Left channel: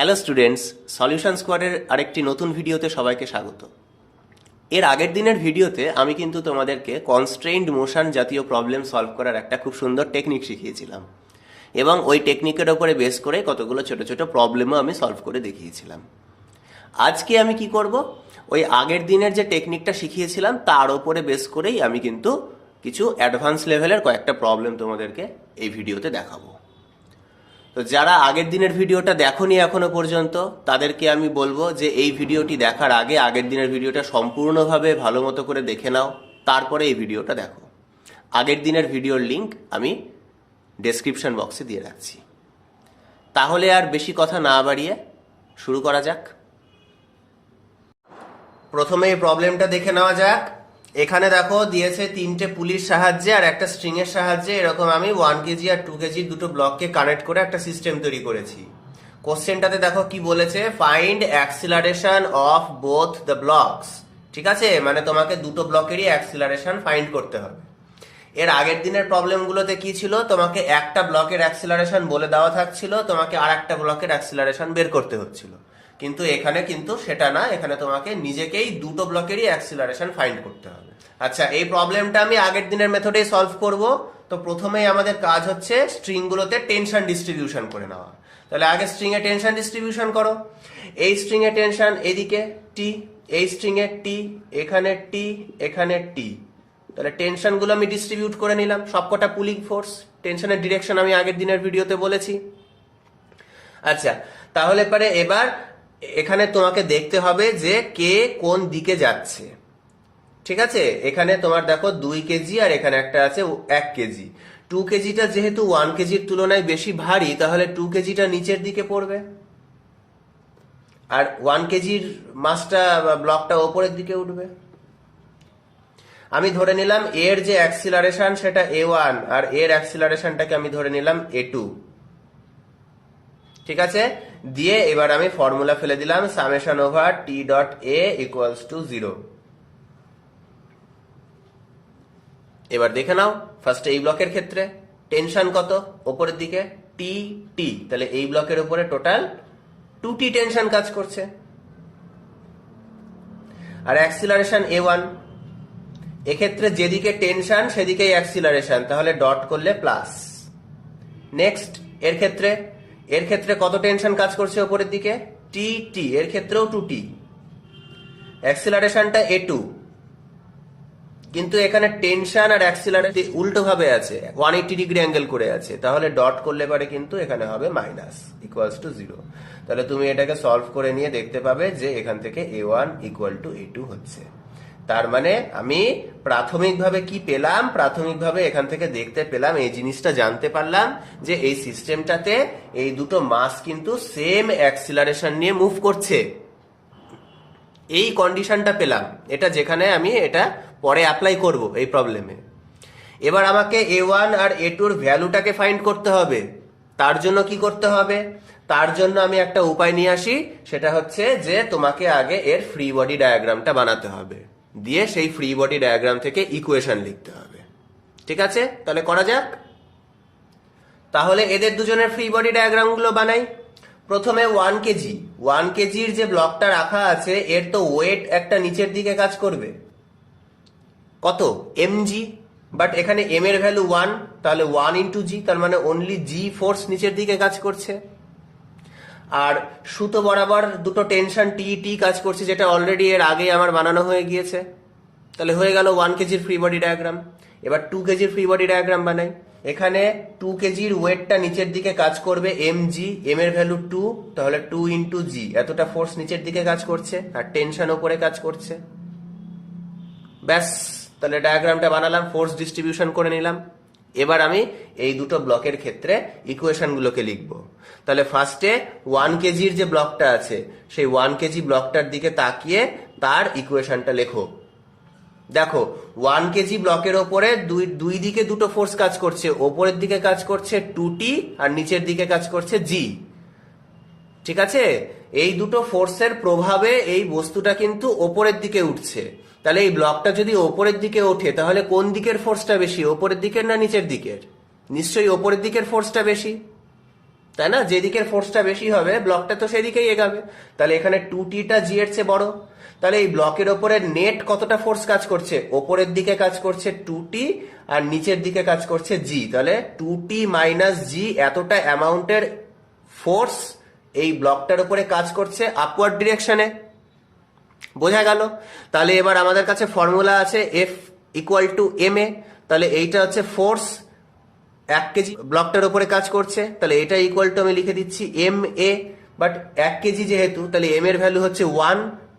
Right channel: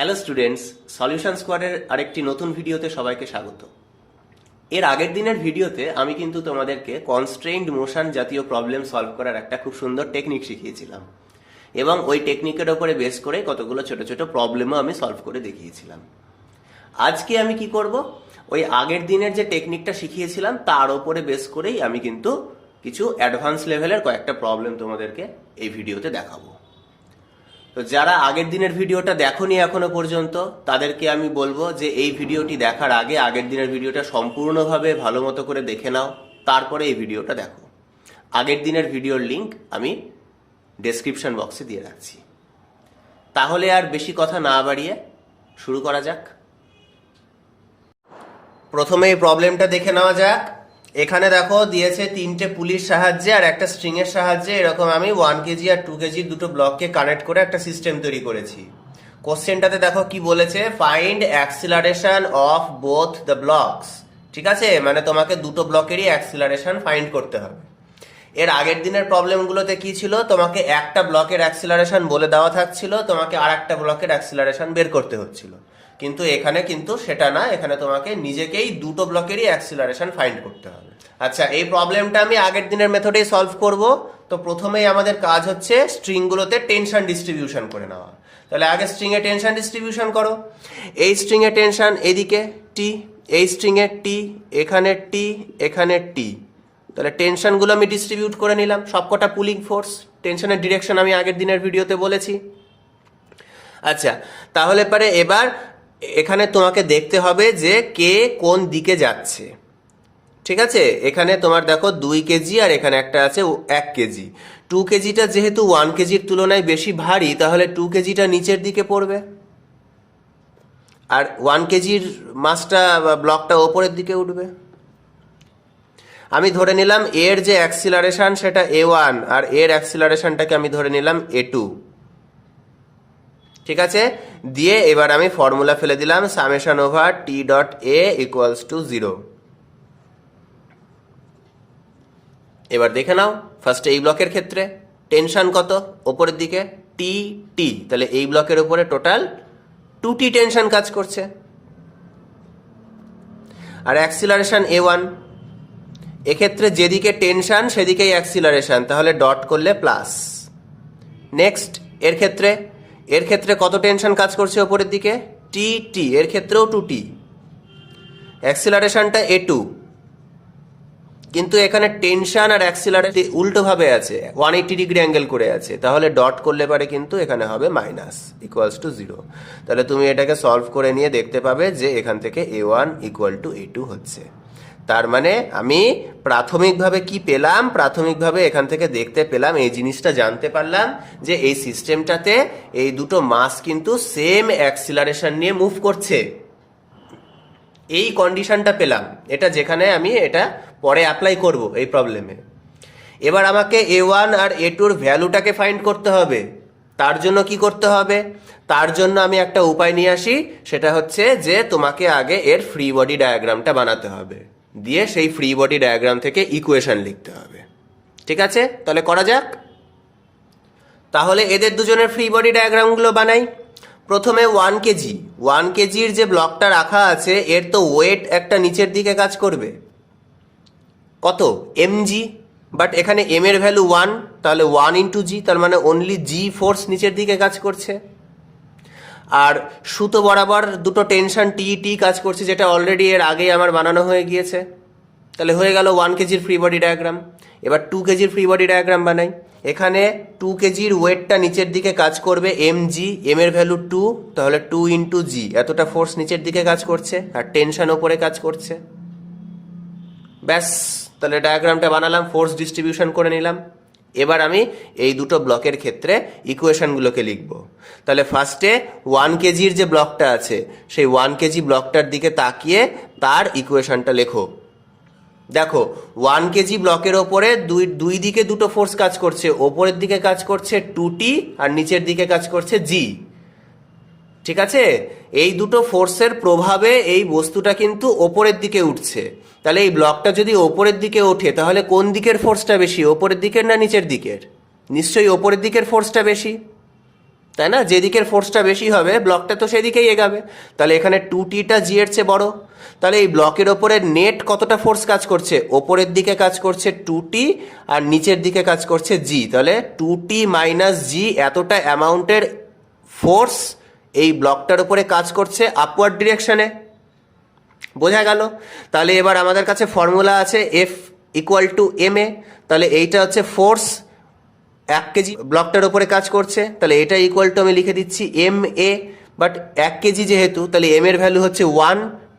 Hello students, solution স্কোয়াডের আরেকটি নতুন ভিডিওতে সবাইকে স্বাগত। এর আগের দিনের ভিডিওতে আমি কিন্তু তোমাদেরকে কনস্ট্রেইনড মোশন জাতীয় প্রবলেম সলভ করার একটা খুব সুন্দর টেকনিক শিখিয়েছিলাম এবং ওই টেকনিকের ওপরে বেস করে কতগুলো ছোট ছোট প্রবলেমও আমি সলভ করে দেখিয়েছিলাম। আজকে আমি কি করব, ওই আগের দিনের যে টেকনিকটা শিখিয়েছিলাম তার ওপরে বেস করেই আমি কিন্তু কিছু অ্যাডভান্স লেভেলের কয়েকটা প্রবলেম তোমাদেরকে এই ভিডিওতে দেখাবো। তো যারা আগের দিনের ভিডিওটা দেখোনি এখনো পর্যন্ত তাদেরকে আমি বলবো যে এই ভিডিওটি দেখার আগে আগের দিনের ভিডিওটা সম্পূর্ণভাবে ভালো মতো করে দেখে নাও, তারপরে এই ভিডিওটা দেখো। আগের দিনের ভিডিওর লিংক আমি ডেসক্রিপশন বক্সে দিয়ে রাখছি। তাহলে আর বেশি কথা না বাড়িয়ে শুরু করা যাক। প্রথমে এই প্রবলেমটা দেখে নেওয়া যাক। এখানে দেখো দিয়েছে তিনটে পুলির সাহায্যে আর একটা স্ট্রিং এর সাহায্যে এরকম আমি 1 কেজি আর 2 কেজি দুটো ব্লককে কানেক্ট করে একটা সিস্টেম তৈরি করেছি। কোশ্চেনটাতে দেখো কি বলেছে, find acceleration of both the blocks. ঠিক আছে, মানে তোমাকে দুটো ব্লকেরই অ্যাক্সিলারেশন ফাইন্ড করতে হবে। এর আগের দিনের প্রবলেমগুলোতে কি ছিল, তোমাকে একটা ব্লকের অ্যাক্সিলারেশন বলে দেওয়া থাকছিল, তোমাকে আর একটা ব্লকের অ্যাক্সিলারেশন বের করতে হচ্ছিল। কিন্তু এখানে কিন্তু সেটা না, এখানে তোমাকে নিজেকেই দুটো ব্লকেরই অ্যাক্সিলারেশন ফাইন্ড করতে হবে। আচ্ছা, এই প্রবলেমটা আমি আগের দিনের মেথডেই সলভ করব। তো প্রথমেই আমাদের কাজ হচ্ছে স্ট্রিংগুলোতে টেনশন ডিস্ট্রিবিউশন করে নেওয়া। তাহলে আগে স্ট্রিং এ টেনশন ডিস্ট্রিবিউশন করো। এই স্ট্রিং এ টেনশন এদিকে টি, এই স্ট্রিং এ টি, এখানে টি, এখানে টি। তাহলে টেনশনগুলো আমি ডিস্ট্রিবিউট করে নিলাম, সবকটা পুলিং ফোর্স। টেনশনের ডিরেকশন আমি আগের দিনের ভিডিওতে বলেছি। আচ্ছা, তাহলে পরে এবার এখানে তোমাকে দেখতে হবে যে কে কোন দিকে যাচ্ছে। ঠিক আছে, এখানে তোমার দেখো 2 কেজি আর এখানে একটা আছে 1 কেজি। 2 কেজিটা যেহেতু 1 কেজির তুলনায় বেশি ভারী, তাহলে 2 কেজিটা নিচের দিকে পড়বে আর 1 কেজির মাসটা ব্লকটা ওপরের দিকে উঠবে। আমি ধরে নিলাম এর যে অ্যাক্সিলারেশন সেটা a1 আর এর অ্যাক্সিলারেশনটাকে আমি ধরে নিলাম a2। ঠিক আছে, দিয়ে এবার আমি ফর্মুলা ফেলে দিলাম summation over T dot A equals to 0। এবার দেখে নাও, ফার্স্টে এই ব্লকের ক্ষেত্রে টেনশন কত ওপরের দিকে, টি টি। তাহলে এই ব্লকের উপরে টোটাল 2t টেনশন কাজ করছে। আর অ্যাক্সিলারেশন a1, এক্ষেত্রে যেদিকে টেনশন সেদিকেই অ্যাক্সিলারেশন, তাহলে ডট করলে প্লাস। নেক্সট এর ক্ষেত্রে কত টেনশন কাজ করছে ওপরের দিকে, টি টি, এর ক্ষেত্রেও 2t। অ্যাক্সিলারেশনটা a2, কিন্তু এখানে টেনশন আর অ্যাক্সিলারেশন উল্টো ভাবে আছে, 180 ডিগ্রি অ্যাঙ্গেল করে আছে, তাহলে ডট করলে পারে কিন্তু এখানে হবে মাইনাস ইকুয়ালস টু 0। তাহলে তুমি এটাকে সলভ করে নিয়ে দেখতে পাবে যে এখান থেকে a1 ইকুয়াল টু a2 হচ্ছে। তার মানে আমি প্রাথমিকভাবে কি পেলাম, প্রাথমিকভাবে এখান থেকে দেখতে পেলাম, এই জিনিসটা জানতে পারলাম যে এই সিস্টেমটাতে এই দুটো মাস কিন্তু সেম অ্যাক্সিলারেশন নিয়ে মুভ করছে। এই কন্ডিশনটা পেলাম, এটা যেখানে আমি এটা পরে অ্যাপ্লাই করব এই প্রবলেমে। এবার আমাকে a1 আর a2 এর ভ্যালুটাকে ফাইন্ড করতে হবে। তার জন্য কি করতে হবে, তার জন্য আমি একটা উপায় নিয়ে আসি, সেটা হচ্ছে যে তোমাকে আগে এর ফ্রি বডি ডায়াগ্রামটা বানাতে হবে, দিয়ে সেই ফ্রি বডি ডায়াগ্রাম থেকে ইকুয়েশন লিখতে হবে। ঠিক আছে, তাহলে করা যাক। তাহলে এদের দুজনের ফ্রি বডি ডায়াগ্রামগুলো বানাই। প্রথমে 1 কেজির যে ব্লকটা রাখা আছে এর তো ওয়েট একটা নিচের দিকে কাজ করবে, কত mg, বাট এখানে m এর ভ্যালু 1, তাহলে 1 ইন্টু জি, তার মানে অনলি জি ফোর্স নিচের দিকে কাজ করছে। আর সুতো বরাবর দুটো টেনশন টি টি কাজ করছে, যেটা অলরেডি এর আগে আমার বানানো হয়ে গিয়েছে। তাহলে হয়ে গেল 1 কেজির ফ্রি বডি ডায়াগ্রাম। এবার 2 কেজির ফ্রি বডি ডায়াগ্রাম বানাই। এখানে 2 কেজির ওয়েটটা নিচের দিকে কাজ করবে mg, m এর ভ্যালু 2, তাহলে 2 ইন্টু জি, এতটা ফোর্স নিচের দিকে কাজ করছে আর টেনশন ওপরে কাজ করছে। ব্যাস, তাহলে ডায়াগ্রামটা বানালাম, ফোর্স ডিস্ট্রিবিউশন করে নিলাম। এবার আমি এই দুটো ব্লকের ক্ষেত্রে ইকুয়েশনগুলোকে লিখব। তাহলে ফার্স্টে 1 কেজির যে ব্লকটা আছে সেই 1 কেজি ব্লকটার দিকে তাকিয়ে তার ইকুয়েশনটা লেখো। দেখো 1 কেজি ব্লকের ওপরে দুই দিকে দুটো ফোর্স কাজ করছে, ওপরের দিকে কাজ করছে 2t আর নিচের দিকে কাজ করছে g। ঠিক আছে, এই দুটো ফোর্সের প্রভাবে এই বস্তুটা কিন্তু ওপরের দিকে উঠছে। তাহলে এই ব্লকটা যদি ওপরের দিকে ওঠে তাহলে কোন দিকের ফোর্সটা বেশি, ওপরের দিকের না নিচের দিকের? নিশ্চয়ই ওপরের দিকের ফোর্সটা বেশি। তাই না? যেদিকের ফোর্সটা বেশি হবে ব্লকটা তো সেদিকেই এগাবে। তাহলে এখানে 2t-টা জি এর চেয়ে বড়, তাহলে এই ব্লকের ওপরে নেট কতটা ফোর্স কাজ করছে? ওপরের দিকে কাজ করছে 2t আর নিচের দিকে কাজ করছে জি। তাহলে 2t মাইনাস জি এতটা অ্যামাউন্টের ফোর্স এই ব্লকটার উপরে কাজ করছে আপওয়ার্ড ডিরেকশনে। বোঝা গেল? তাহলে এবার আমাদের কাছে ফর্মুলা আছে F equal to M A. তাহলে এইটা হচ্ছে ফোর্স 1 কেজি ব্লকটার উপরে কাজ করছে, তাহলে এটা ইকুয়াল টু আমি লিখে দিচ্ছি এম এ। বাট 1 কেজি যেহেতু, তাহলে এম এর ভ্যালু হচ্ছে 1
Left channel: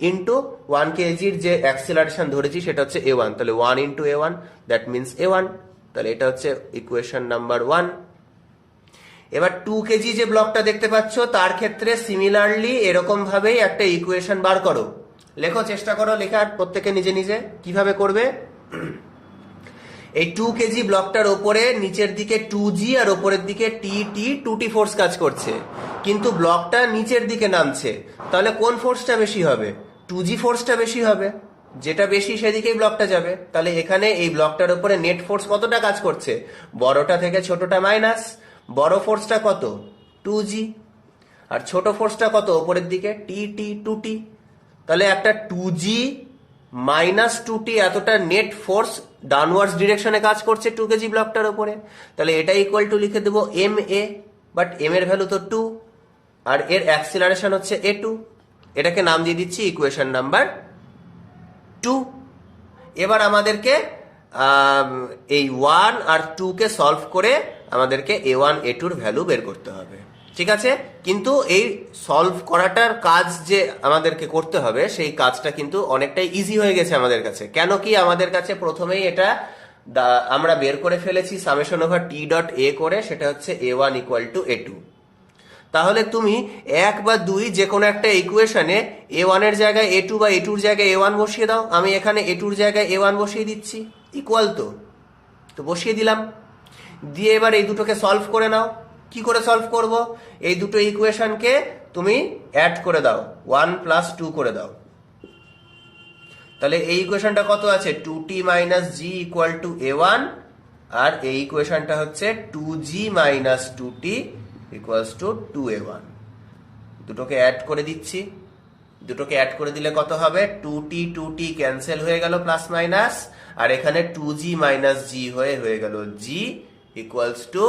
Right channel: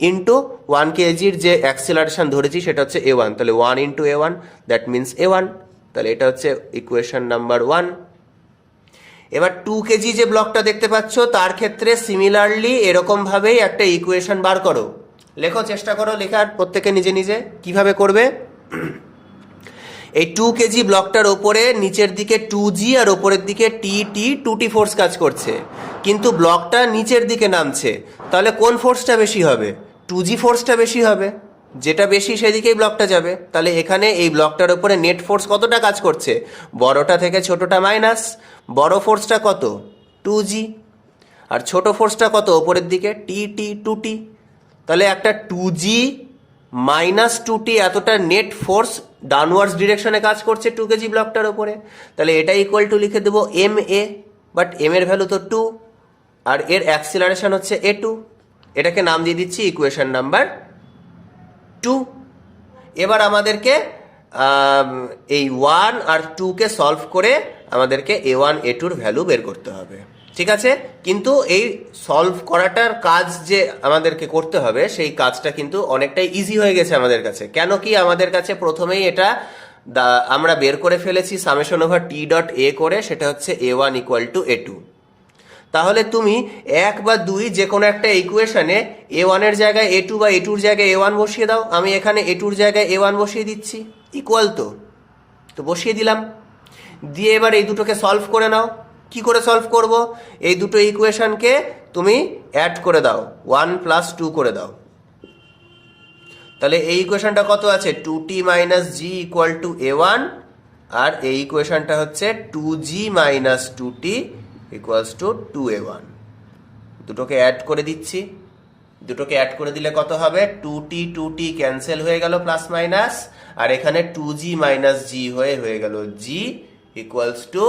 ইন্টু 1 কেজির যে অ্যাক্সিলারেশন ধরেছি সেটা হচ্ছে a1, তাহলে 1 into a1 that means a1। তাহলে এটা হচ্ছে ইকুয়েশন নাম্বার 1। এবার 2 কেজি যে ব্লকটা দেখতে পাচ্ছ তার ক্ষেত্রে সিমিলারলি এরকম ভাবেই একটা ইকুয়েশন বার করো। লেখো, চেষ্টা করো লেখার, প্রত্যেকে নিজে নিজে কিভাবে করবে। এই 2 কেজি ব্লকটার ওপরে নিচের দিকে 2g আর ওপরের দিকে টি 2t ফোর্স কাজ করছে, কিন্তু ব্লকটা নিচের দিকে নামছে। তাহলে কোন ফোর্সটা বেশি হবে? 2g ফোর্সটা বেশি হবে, যেটা বেশি সেদিকেই ব্লকটা যাবে। তাহলে এখানে এই ব্লকটার ওপরে নেট ফোর্স কতটা কাজ করছে? বড়টা থেকে ছোটটা মাইনাস। বড় ফোর্সটা কত? 2g। আর ছোট ফোর্সটা কত ওপরের দিকে? টি 2t। তাহলে একটা 2g মাইনাস 2t এতটা নেট ফোর্স ডাউনওয়ার্ডস ডিরেকশনে কাজ করছে 2 কেজি ব্লকটার উপরে। তাহলে এটা ইকুয়াল টু লিখে দেবো এম এ। বাট এম এর ভ্যালু তো 2 আর এর অ্যাক্সিলারেশন হচ্ছে a2। এটাকে নাম দিয়ে দিচ্ছি ইকুয়েশন নাম্বার 2। এবার আমাদেরকে এই 1 আর 2 কে সলভ করে আমাদেরকে a1 a2 এর ভ্যালু বের করতে হবে। ঠিক আছে, কিন্তু এই সলভ করাটার কাজ যে আমাদেরকে করতে হবে সেই কাজটা কিন্তু অনেকটাই ইজি হয়ে গেছে আমাদের কাছে। কেন কি? আমাদের কাছে প্রথমেই এটা আমরা বের করে ফেলেছি summation over T dot A করে, সেটা হচ্ছে a1 ইকুয়াল টু a2। তাহলে তুমি 1 বা 2 যে কোনো একটা ইকুয়েশনে a1 এর জায়গায় a2 বা a2 এর জায়গায় a1 বসিয়ে দাও। আমি এখানে a2 এর জায়গায় a1 বসিয়ে দিচ্ছি, ইকুয়াল তো বসিয়ে দিলাম। দিয়ে এবার এই দুটোকে সলভ করে নাও। কি করে সলভ করব? এই দুটো ইকুয়েশনকে তুমি অ্যাড করে দাও, 1 প্লাস 2 করে দাও। তাহলে এই ইকুয়েশনটা কত আছে? 2t minus G equal to a1, আর এই ইকুয়েশনটা হচ্ছে 2g minus 2t equals two 2a1। দুটোকে অ্যাড করে দিচ্ছি। দুটোকে অ্যাড করে দিলে কত হবে? 2t ক্যান্সেল হয়ে গেল প্লাস মাইনাস, আর এখানে 2g মাইনাস জি হয়ে গেল g ইকুয়ালস টু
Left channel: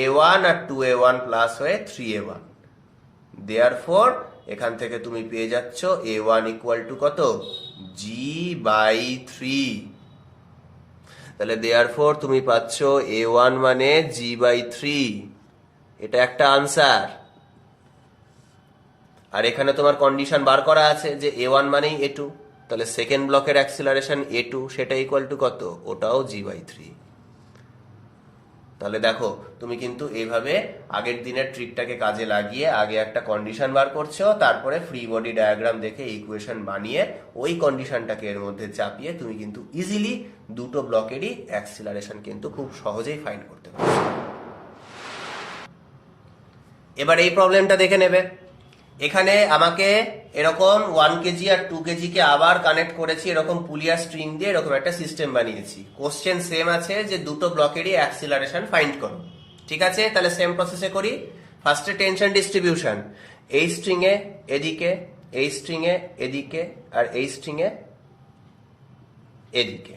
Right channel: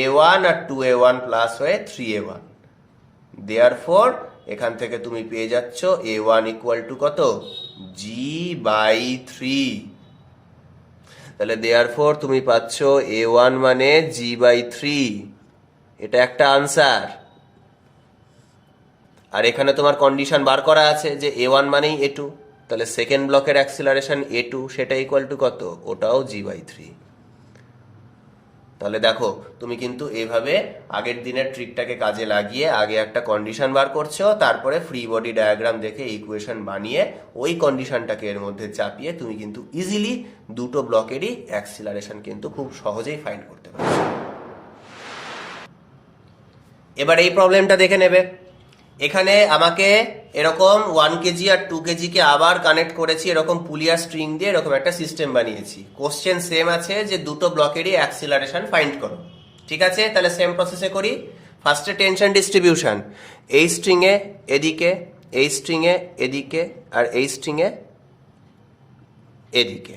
a1 আর 2a1 প্লাস হয়ে 3a1। দেয়ারফর এখান থেকে তুমি পেয়ে যাচ্ছ a1 ইকুয়াল টু কত? g by 3। তাহলে দেয়ারফর তুমি পাচ্ছ a1 মানে g বাই 3। এটা একটা আনসার। আর এখানে তোমার কন্ডিশন বার করা আছে যে a1 মানেই a2, তাহলে সেকেন্ড ব্লকের অ্যাক্সিলারেশন a2 সেটা ইকুয়াল টু কত? ওটাও g বাই 3। তাহলে দেখো, তুমি কিন্তু এইভাবে আগের দিনের ট্রিকটাকে কাজে লাগিয়ে আগে একটা কন্ডিশন বার করছো, তারপরে ফ্রি বডি ডায়াগ্রাম দেখে ইকুয়েশন বানিয়ে ওই কন্ডিশনটাকে এর মধ্যে চাপিয়ে তুমি কিন্তু ইজিলি দুটো ব্লকেরই অ্যাক্সিলারেশন কিন্তু খুব সহজেই ফাইন্ড করতে পারছো। এবার এই প্রবলেমটা দেখে নেবে। এখানে আমাকে এরকম 1 কেজি আর 2 কেজিকে আবার কানেক্ট করেছি এরকম পুলিয়া স্ট্রিং দিয়ে, এরকম একটা সিস্টেম বানিয়েছি। কোশ্চেন সেম আছে যে দুটো ব্লকেরই অ্যাক্সিলারেশন ফাইন্ড করো। ঠিক আছে, তাহলে সেম প্রসেসে করি। ফার্স্টে টেনশন ডিস্ট্রিবিউশন, এই স্ট্রিং এ এদিকে, এই স্ট্রিং এ এদিকে, আর এই স্ট্রিং এ এদিকে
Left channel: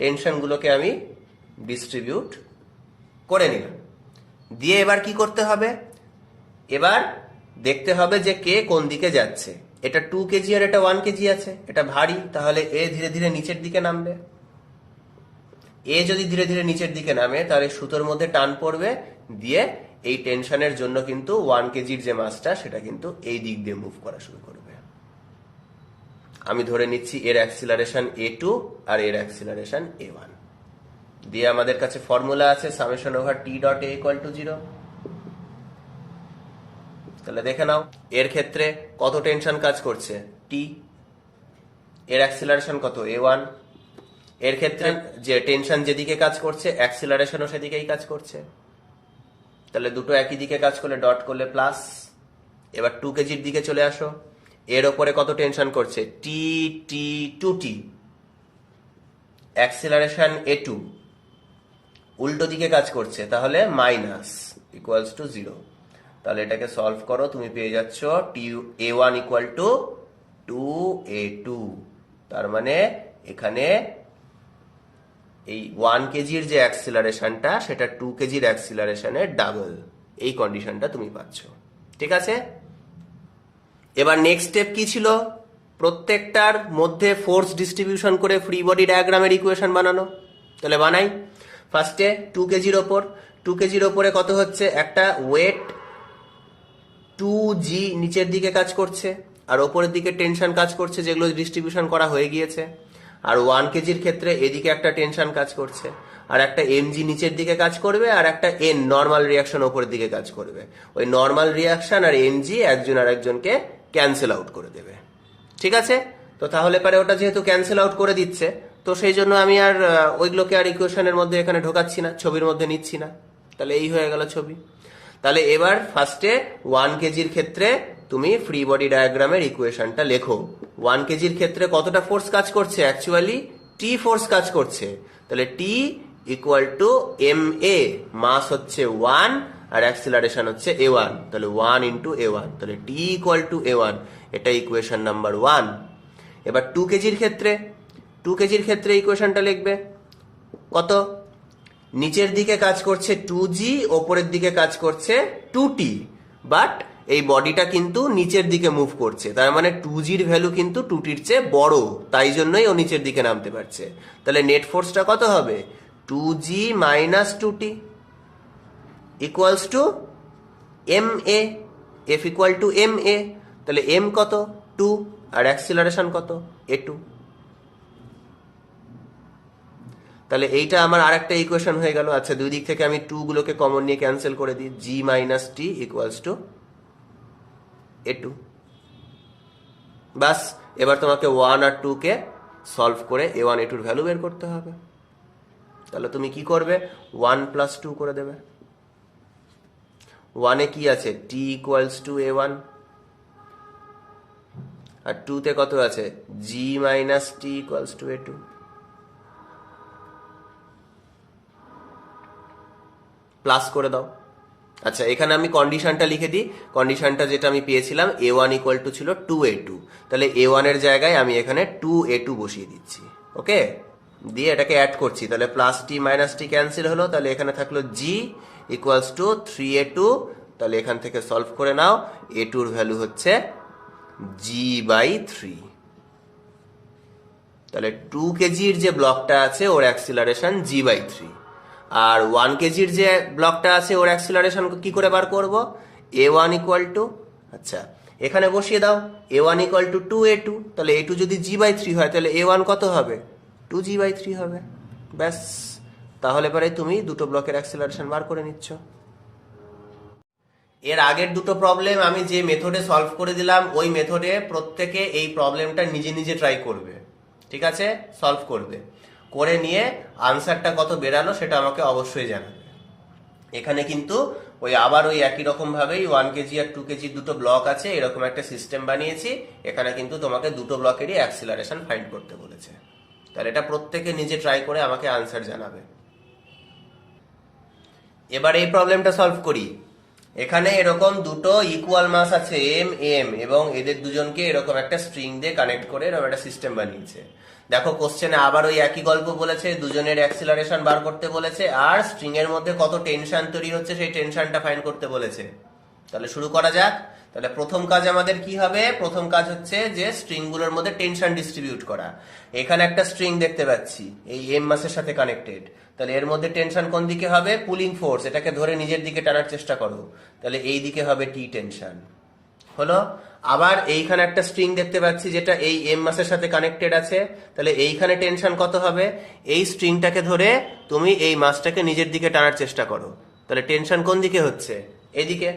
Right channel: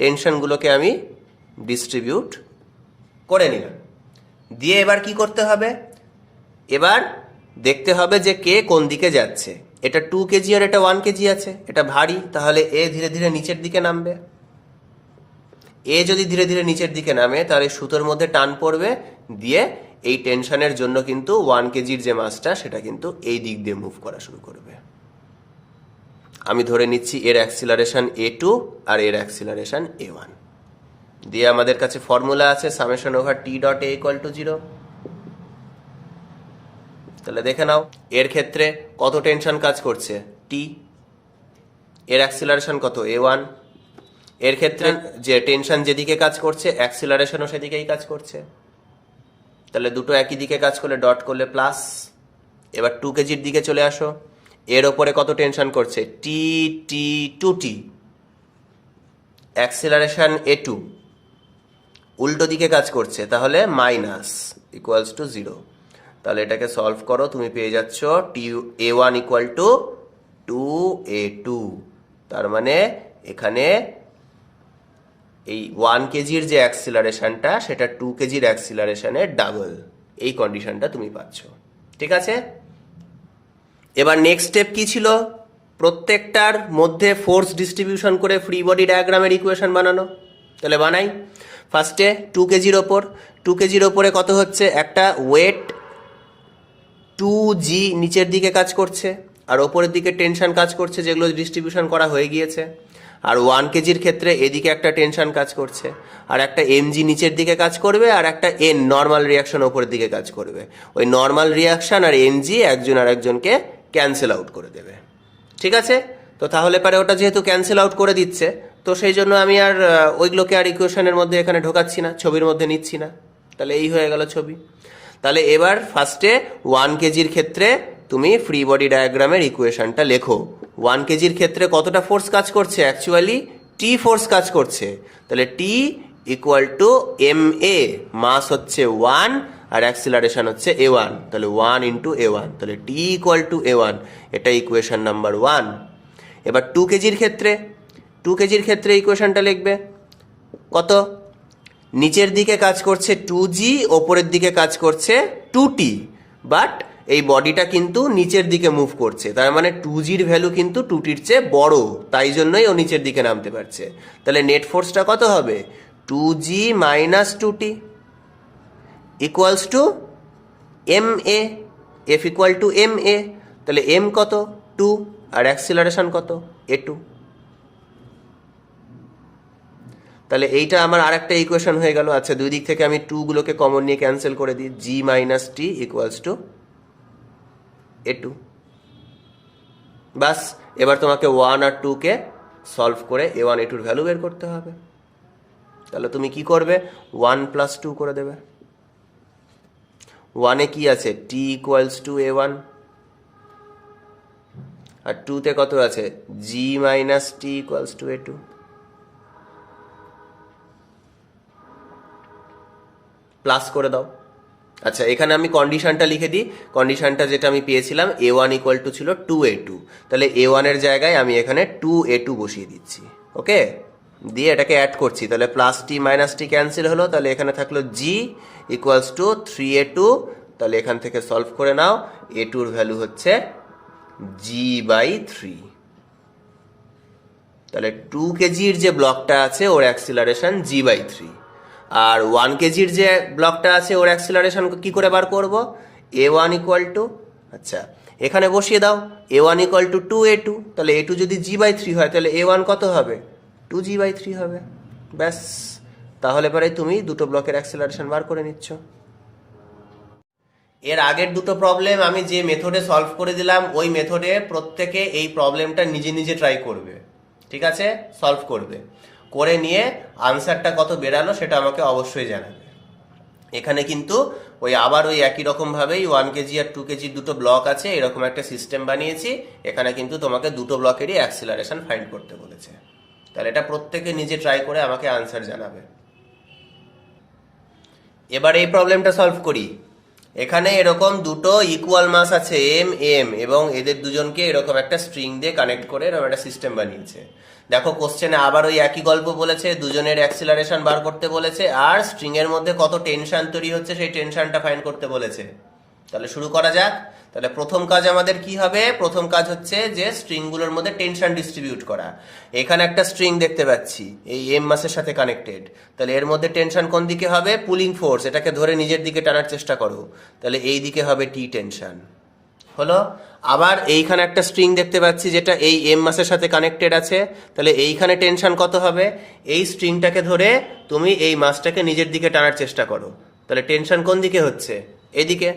টেনশনগুলোকে আমি ডিস্ট্রিবিউট করে নিলাম। দিয়ে এবার কি করতে হবে? এবার দেখতে হবে যে কে কোন দিকে যাচ্ছে। এটা 2 কেজি আর এটা 1 কেজি আছে, এটা ভারী, তাহলে এ ধীরে ধীরে নিচের দিকে নামবে। এ যদি ধীরে ধীরে নিচের দিকে নামে তাহলে সুতোর মধ্যে টান পড়বে, দিয়ে এই টেনশনের জন্য কিন্তু 1 কেজির যে মাসটা সেটা কিন্তু এই দিক দিয়ে মুভ করা শুরু করবে। আমি ধরে নিচ্ছি এর অ্যাক্সিলারেশন a2 আর এর অ্যাক্সিলারেশন a1। দিয়ে আমাদের কাছে ফর্মুলা আছে summation over T dot A equal to 0। তাহলে দেখে নাও এর ক্ষেত্রে কত টেনশন কাজ করছে? টি। এর অ্যাক্সিলারেশন কত? a1। এর ক্ষেত্রে যে টেনশন যেদিকে কাজ করছে অ্যাক্সিলারেশনও সেদিকেই কাজ করছে। তাহলে দুটো একই দিকে কাজ করলে ডট করলে প্লাস। এবার 2 কেজির দিকে চলে আসো। এর ওপরে কত টেনশন করছে? টি 2t, অ্যাক্সিলারেশন a2, উল্টো দিকে কাজ করছে, তাহলে মাইনাস ইকুয়ালস টু 0। তাহলে এটাকে সলভ করো, তুমি পেয়ে যাচ্ছ a1 ইকুয়াল টু 2a2। তার মানে এখানে এই 1 কেজির যে অ্যাক্সিলারেশনটা সেটা 2 কেজির অ্যাক্সিলারেশনের ডাবল, এই কন্ডিশনটা তুমি পাচ্ছ। ঠিক আছে, এবার নেক্সট স্টেপ কি ছিল? প্রত্যেকটার মধ্যে ফোর্স ডিস্ট্রিবিউশন করে ফ্রি বডি ডায়াগ্রামের ইকুয়েশন বানানো। তাহলে বানাই। ফার্স্টে 2 কেজির ওপর, 2 কেজির ওপরে কত হচ্ছে? একটা ওয়েট 2g নিচের দিকে কাজ করছে আর ওপরের দিকে টেনশন কাজ করছে, যেগুলো ডিস্ট্রিবিউশন করা হয়ে গিয়েছে। আর 1 কেজির ক্ষেত্রে এদিকে একটা টেনশন কাজ করছে, আর একটা mg নিচের দিকে কাজ করবে, আর একটা n নর্মাল রিয়াকশন ওপরের দিকে কাজ করবে। ওই নর্মাল রিয়াকশন আর ng একজন আর একজনকে ক্যান্সেল আউট করে দেবে। ঠিক আছে, তো তাহলে পরে ওটা যেহেতু ক্যান্সেল আউট করে দিচ্ছে, তো সেই জন্য আমি আর ওইগুলোকে আর ইকুয়েশনের মধ্যে এখানে ঢোকাচ্ছি না, ছবির মধ্যে নিচ্ছি না। তাহলে এই হয়ে গেল ছবি। তাহলে এবার ফার্স্টে 1 কেজির ক্ষেত্রে তুমি ফ্রি বডি ডায়াগ্রামের ইকুয়েশনটা লেখো। 1 কেজির ক্ষেত্রে কতটা ফোর্স কাজ করছে? অ্যাকচুয়ালি টি ফোর্স কাজ করছে। তাহলে টি ইকুয়াল টু এম এ, মাস হচ্ছে 1 আর অ্যাক্সিলারেশন হচ্ছে a1, তাহলে 1 ইন্টু a1, তাহলে টি ইকুয়াল টু a1, এটা ইকুয়েশন নাম্বার 1। এবার 2 কেজির ক্ষেত্রে, 2 কেজির ক্ষেত্রে ইকুয়েশনটা লিখবে কত? নিচের দিকে কাজ করছে 2g, ওপরের দিকে কাজ করছে 2t, বাট এই বডিটা কিন্তু নিচের দিকে মুভ করছে, তার মানে 2gর ভ্যালু কিন্তু 2tর চেয়ে বড়, তাই জন্যই ও নিচের দিকে নামতে পারছে। তাহলে নেট ফোর্সটা কত হবে? 2g minus 2t equals to M A, F equal to M A. তাহলে এম কত? 2, আর অ্যাক্সিলারেশন কত? a2। তাহলে এইটা আমার আরেকটা ইকুয়েশন হয়ে গেল। আচ্ছা, দুই দিক থেকে আমি 2 গুলোকে কমন নিয়ে ক্যান্সেল করে দিই, g minus T equals to a2। বাস, এবার তোমাকে 1 আর 2 কে সলভ করে a1 a2 এর ভ্যালু বের করতে হবে। তাহলে তুমি কি করবে? 1 প্লাস 2 করে দেবে। 1 এ কি আছে? t ইকুয়ালস টু a1, আর 2 তে কত আছে? g minus T equals to a2। Plus করে দাও। আচ্ছা, এখানে আমি কন্ডিশনটা লিখে দিই। কন্ডিশনটা যেটা আমি পেয়েছিলাম, a1 ইকুয়াল টু ছিল 2a2, তাহলে a1 এর জায়গায় আমি এখানে 2a2 বসিয়ে দিচ্ছি। ওকে, দিয়ে এটাকে অ্যাড করছি, তাহলে প্লাস টি মাইনাস টি ক্যান্সেল হলো, তাহলে এখানে থাকলো g ইকুয়ালস টু 3a2। তাহলে এখান থেকে সলভ করে নাও, a2 এর ভ্যালু হচ্ছে g/3। তাহলে 2 কেজির যে ব্লকটা আছে ওর অ্যাক্সিলারেশন g/3, আর 1 কেজির যে ব্লকটা আছে ওর অ্যাক্সিলারেশন কি করে বার করব? a1 ইকুয়াল টু, আচ্ছা এখানে বসিয়ে দাও, a1 ইকুয়াল টু 2a2। তাহলে a2 যদি g/3 হয়, তাহলে a1 কত হবে? 2g/3 হবে। ব্যাস, তাহলে পরে তুমি দুটো ব্লকের অ্যাক্সিলারেশন বার করে নিচ্ছ। এর আগের দুটো প্রবলেম আমি যে মেথডে সলভ করে দিলাম, ওই মেথডে প্রত্যেকে এই প্রবলেমটা নিজে নিজে ট্রাই করবে। ঠিক আছে, সলভ করবে, করে নিয়ে আনসারটা কত বেরালো সেটা আমাকে অবশ্যই জানাবে। এখানে কিন্তু আবার ওই একই রকম ভাবেই 1 কেজি আর 2 কেজির দুটো ব্লক আছে, এরকম একটা সিস্টেম বানিয়েছি। এখানে কিন্তু তোমাকে দুটো ব্লকেরই অ্যাক্সিলারেশন ফাইন্ড করতে বলেছে। তাহলে এটা প্রত্যেকে নিজে ট্রাই করে আমাকে আনসার জানাবে। এবার এই প্রবলেমটা সলভ করি। এখানে এরকম দুটো ইকুয়াল মাস আছে এম এম, এবং এদের দুজনকে এরকম একটা স্ট্রিং দিয়ে কানেক্ট করে এরকম একটা সিস্টেম বানিয়েছে। দেখো কোশ্চেনে আবার ওই একই গল্প বলেছে, দুজনের অ্যাক্সিলারেশন বার করতে বলেছে, আর স্ট্রিং এর মধ্যে কত টেনশন তৈরি হচ্ছে সেই টেনশনটা ফাইন্ড করতে বলেছে। তাহলে শুরু করা যাক। তাহলে প্রথম কাজ আমাদের কি হবে? প্রথম কাজ হচ্ছে যে স্ট্রিং গুলোর মধ্যে টেনশন ডিস্ট্রিবিউট করা। এখানে একটা স্ট্রিং দেখতে পাচ্ছি, এই এম মাসের সাথে কানেক্টেড। তাহলে এর মধ্যে টেনশন কোন দিকে হবে? পুলিং ফোর্স, এটাকে ধরে নিজের দিকে টানার চেষ্টা করো, তাহলে এই দিকে হবে টি টেনশন। হলো। আবার এইখানে একটা স্ট্রিং দেখতে পাচ্ছি যেটা এই এম মাসের সাথে কানেক্টেড আছে, তাহলে এইখানে টেনশন কত হবে? এই স্ট্রিংটাকে ধরে তুমি এই মাসটাকে নিজের দিকে টানার চেষ্টা করো, তাহলে টেনশন কোন দিকে হচ্ছে? এদিকে।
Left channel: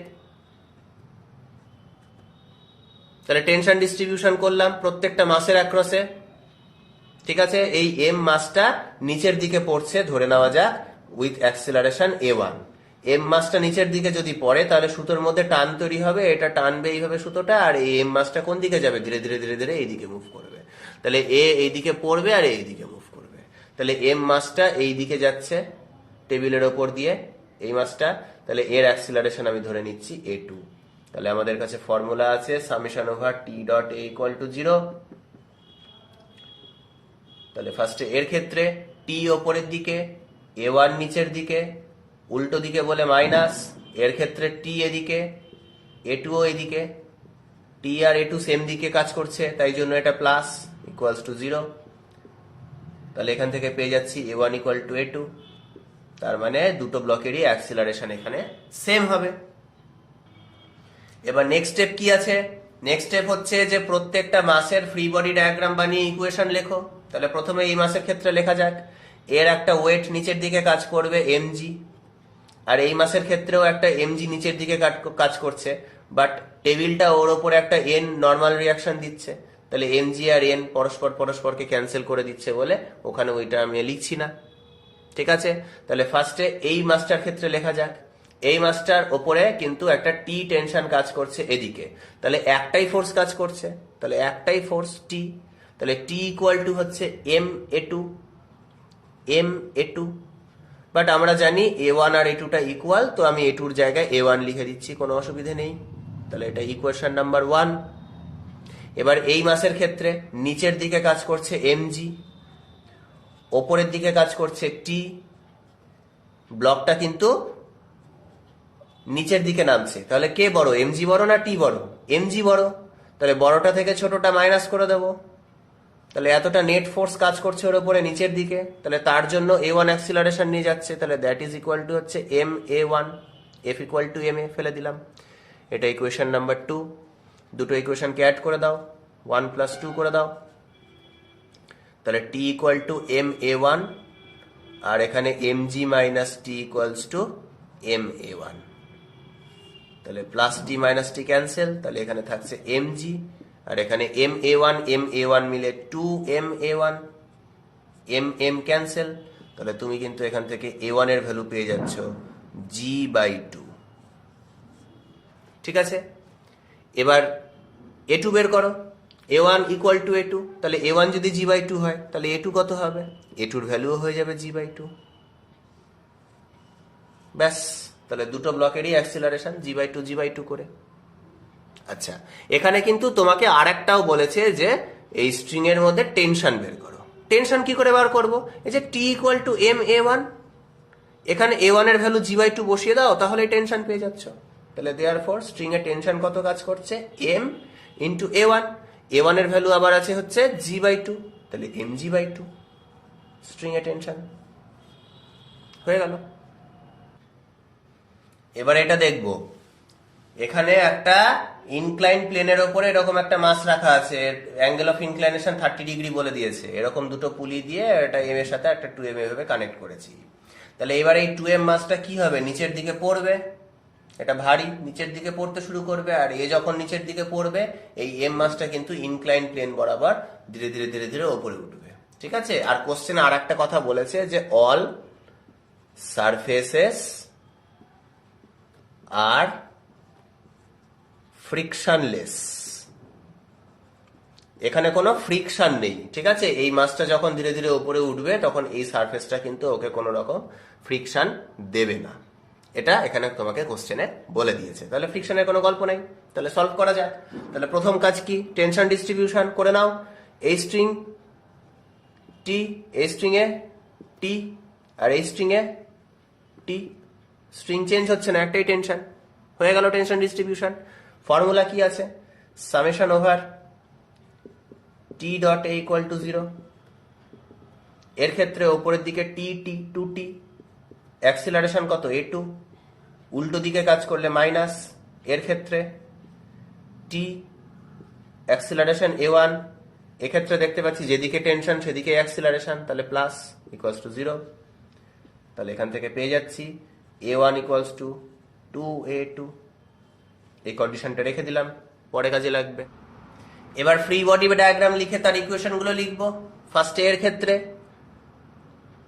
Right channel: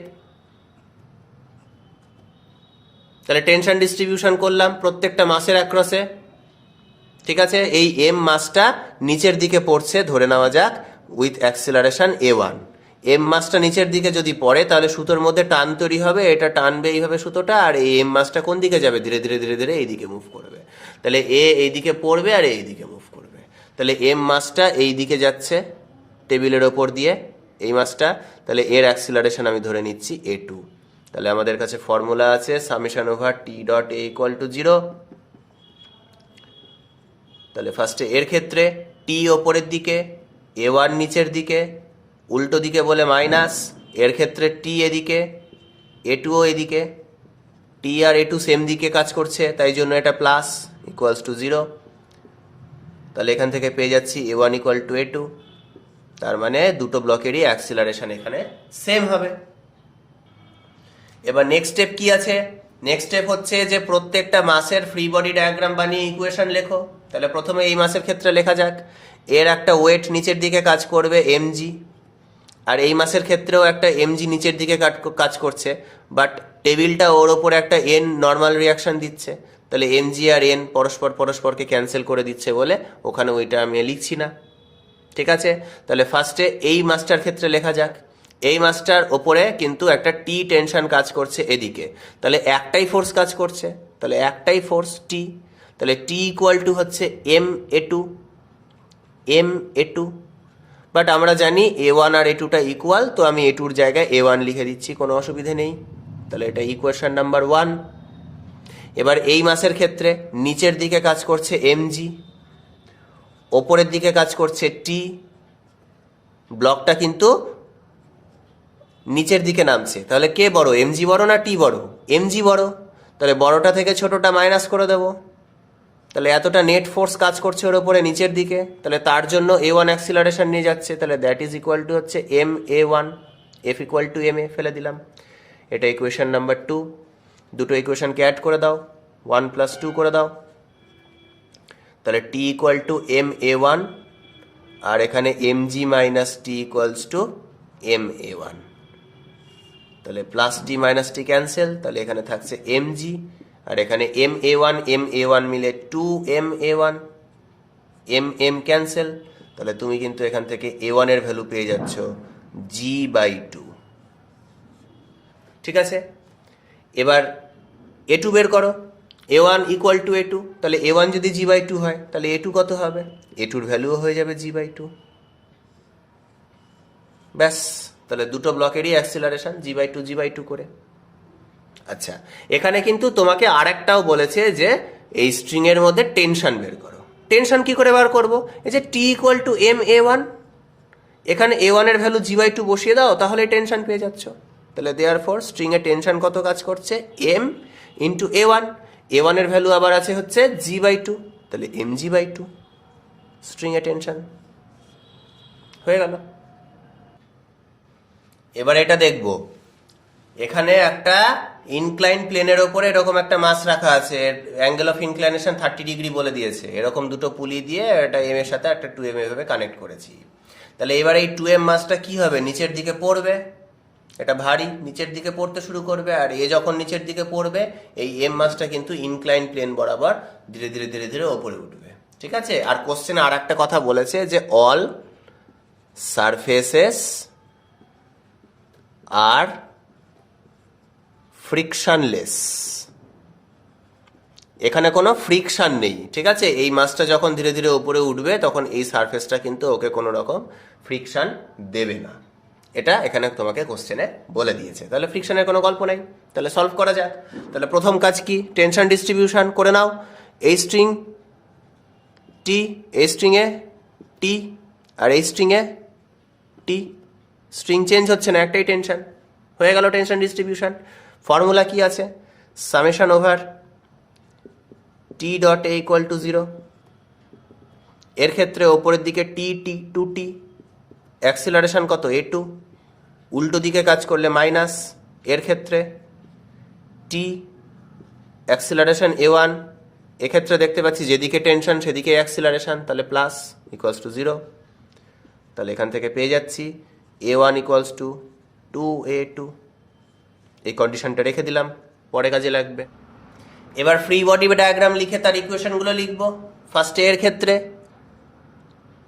তাহলে টেনশন ডিস্ট্রিবিউশন করলাম প্রত্যেকটা মাসের অ্যাক্রসে। ঠিক আছে, এই এম মাসটা নিচের দিকে পড়ছে ধরে নেওয়া যাক, উইথ অ্যাক্সিলারেশন a1। এম মাসটা নিচের দিকে যদি পড়ে, তাহলে সুতোর মধ্যে টান তৈরি হবে, এটা টানবে এইভাবে সুতোটা, আর এই এম মাসটা কোন দিকে যাবে? ধীরে ধীরে ধীরে ধীরে এইদিকে মুভ করবে। তাহলে এ এইদিকে পড়বে আর এইদিকে মুভ করবে। তাহলে এম মাসটা এই দিকে যাচ্ছে, টেবিলের ওপর দিয়ে এই মাসটা, তাহলে এর অ্যাক্সিলারেশন আমি ধরে নিচ্ছি a2। তাহলে আমাদের কাছে ফর্মুলা আছে summation over T dot A equal to 0। তাহলে ফার্স্টে এর ক্ষেত্রে টি ওপরের দিকে, a1 নিচের দিকে, উল্টো দিকে বলে মাইনাস। এর ক্ষেত্রে টি এদিকে, a2ও এদিকে, টি আর a2 সেম দিকে কাজ করছে, তাই জন্য এটা প্লাস ইকুয়ালস টু 0। তাহলে এখান থেকে পেয়ে যাচ্ছি a1 ইকুয়াল টু a2। তার মানে দুটো ব্লকেরই অ্যাক্সিলারেশন এখানে সেম হবে। এবার নেক্সট স্টেপ কি আছে? নেক্সট স্টেপ হচ্ছে যে প্রত্যেকটা মাসের ফ্রি বডি ডায়াগ্রাম বানিয়ে ইকুয়েশন লেখো। তাহলে প্রথমে এই মাসের ক্ষেত্রে লেখা যাক, এর একটা ওয়েট নিচের দিকে কাজ করবে mg, আর এই মাসের ক্ষেত্রেও একটা mg নিচের দিকে কাজ করছে, বাট টেবিলটা ওর ওপরে একটা n নর্মাল রিয়াকশন দিচ্ছে। তাহলে mg আর n পরস্পরকে ক্যান্সেল করে দিচ্ছে বলে ওখানে ওইটা আমি লিখছি না। ঠিক আছে, তাহলে ফার্স্টে এই মাসটার ক্ষেত্রে লেখা যাক। এই মাসটার ওপরে কিন্তু একটা টি টেনশন কাজ করছে এদিকে, তাহলে একটাই ফোর্স কাজ করছে, তাহলে একটাই ফোর্স টি। তাহলে টি ইকুয়াল টু হচ্ছে m a2। বাট আমরা জানি a1 আর a2টা ইকুয়াল, তো আমি a2র জায়গায় a1 লিখে দিচ্ছি, কোনো অসুবিধে নেই। তাহলে এটা ইকুয়েশন নাম্বার 1। এবার এই মাসের ক্ষেত্রে নিচের দিকে কাজ করছে mg, ওপরের দিকে কাজ করছে টি। ব্লকটা কিন্তু নিচের দিকে নামছে, তাহলে কে বড়, mg বড় না টি বড়? mg বড়। তাহলে বড়টা থেকে ছোটটা মাইনাস করে দেবো। তাহলে এতটা নেট ফোর্স কাজ করছে ওর উপরে নিচের দিকে, তাহলে তার জন্য a1 অ্যাক্সিলারেশন নিয়ে যাচ্ছে। তাহলে দ্যাট ইজ ইকুয়াল টু হচ্ছে ma1, f equal to ma ফেলে দিলাম। এটা ইকুয়েশন নাম্বার 2। দুটো ইকুয়েশনকে অ্যাড করে দাও, 1 প্লাস 2 করে দাও। তাহলে টি ইকুয়াল টু ma1, আর এখানে mg minus T equals to ma1। তাহলে প্লাস টি মাইনাস টি ক্যান্সেল, তাহলে এখানে থাকছে mg, আর এখানে ma1 মিলে 2ma1, m ক্যান্সেল। তাহলে তুমি কিন্তু এখান থেকে a1 এর ভ্যালু পেয়ে যাচ্ছ g/2। ঠিক আছে, এবার a2 বের করো। a1 ইকুয়াল টু a2, তাহলে a1 যদি g/2 হয় তাহলে a2 কত হবে? a2র ভ্যালুও হয়ে যাবে g/2। ব্যাস, তাহলে দুটো ব্লকেরই অ্যাক্সিলারেশন g/2 করে। আচ্ছা, এখানে কিন্তু তোমাকে আরেকটাও বলেছে যে এই স্ট্রিং এর মধ্যে টেনশন বের করো। টেনশন কি করে বার করব? এই যে টি ইকুয়াল টু ma1, এখানে a1 এর ভ্যালু g/2 বসিয়ে দাও, তাহলে টেনশন পেয়ে যাচ্ছ। তাহলে দেয়ারফর স্ট্রিং এর টেনশন কত কাজ করছে? m into a1। a1 এর ভ্যালু আবার আছে হচ্ছে g/2, তাহলে mg/2 স্ট্রিং এর টেনশন হয়ে গেল। এবার এটা দেখব, এখানে একটা ইনক্লাইন প্লেনের ওপরে এরকম একটা মাস রাখা আছে, অ্যাঙ্গেল অফ ইনক্লাইনেশন 30 ডিগ্রি বলে দিয়েছে। এরকম দুটো পুলি দিয়ে এটা এম এর সাথে একটা 2m এভাবে কানেক্ট করেছি। তাহলে এবার এই 2m মাসটা কি হবে? নিচের দিকে পড়বে, এটা ভারী, নিচের দিকে পড়তে শুরু করবে, আর এ যখন নিচের দিকে পড়বে এই m মাসটা কিন্তু ইনক্লাইন প্লেন বরাবর ধীরে ধীরে ধীরে ধীরে ওপরে উঠবে। ঠিক আছে, আর কোশ্চেনে আর একটা কথা বলেছে যে অল সারফেসেস আর ফ্রিকশনলেস। এখানে কোনো ফ্রিকশন নেই। ঠিক আছে, এই মাসটা যখন ধীরে ধীরে উপরে উঠবে তখন এই সারফেসটা কিন্তু ওকে কোনো রকম ফ্রিকশন দেবে না, এটা এখানে তোমাকে কোশ্চেনে বলে দিয়েছে। তাহলে ফ্রিকশনের কোনো গল্প নাই। তাহলে সলভ করা যাক। তাহলে প্রথম কাজ কি? টেনশন ডিস্ট্রিবিউশন করে নাও। এই স্ট্রিং টি, এই স্ট্রিং এ টি, আর এই স্ট্রিং এ টি। স্ট্রিং চেঞ্জ হচ্ছে না, একটাই টেনশন। হয়ে গেল টেনশন ডিস্ট্রিবিউশন। ফর্মুলা কি আছে? Summation over T dot A equal to 0। এর ক্ষেত্রে ওপরের দিকে টি টি 2t, অ্যাক্সিলারেশন কত? a2। উল্টো দিকে কাজ করলে মাইনাস। এর ক্ষেত্রে টি, অ্যাক্সিলারেশন a1। এক্ষেত্রে দেখতে পাচ্ছি যেদিকে টেনশন সেদিকে অ্যাক্সিলারেশন, তাহলে প্লাস ইকুয়ালস টু 0। তাহলে এখান থেকে পেয়ে যাচ্ছি a1 ইকুয়ালস টু 2a2। এই কন্ডিশনটা রেখে দিলাম, পরে কাজে লাগবে। এবার ফ্রি বডি ডায়াগ্রাম লিখে তার ইকুয়েশনগুলো লিখবো। ফার্স্টে এর ক্ষেত্রে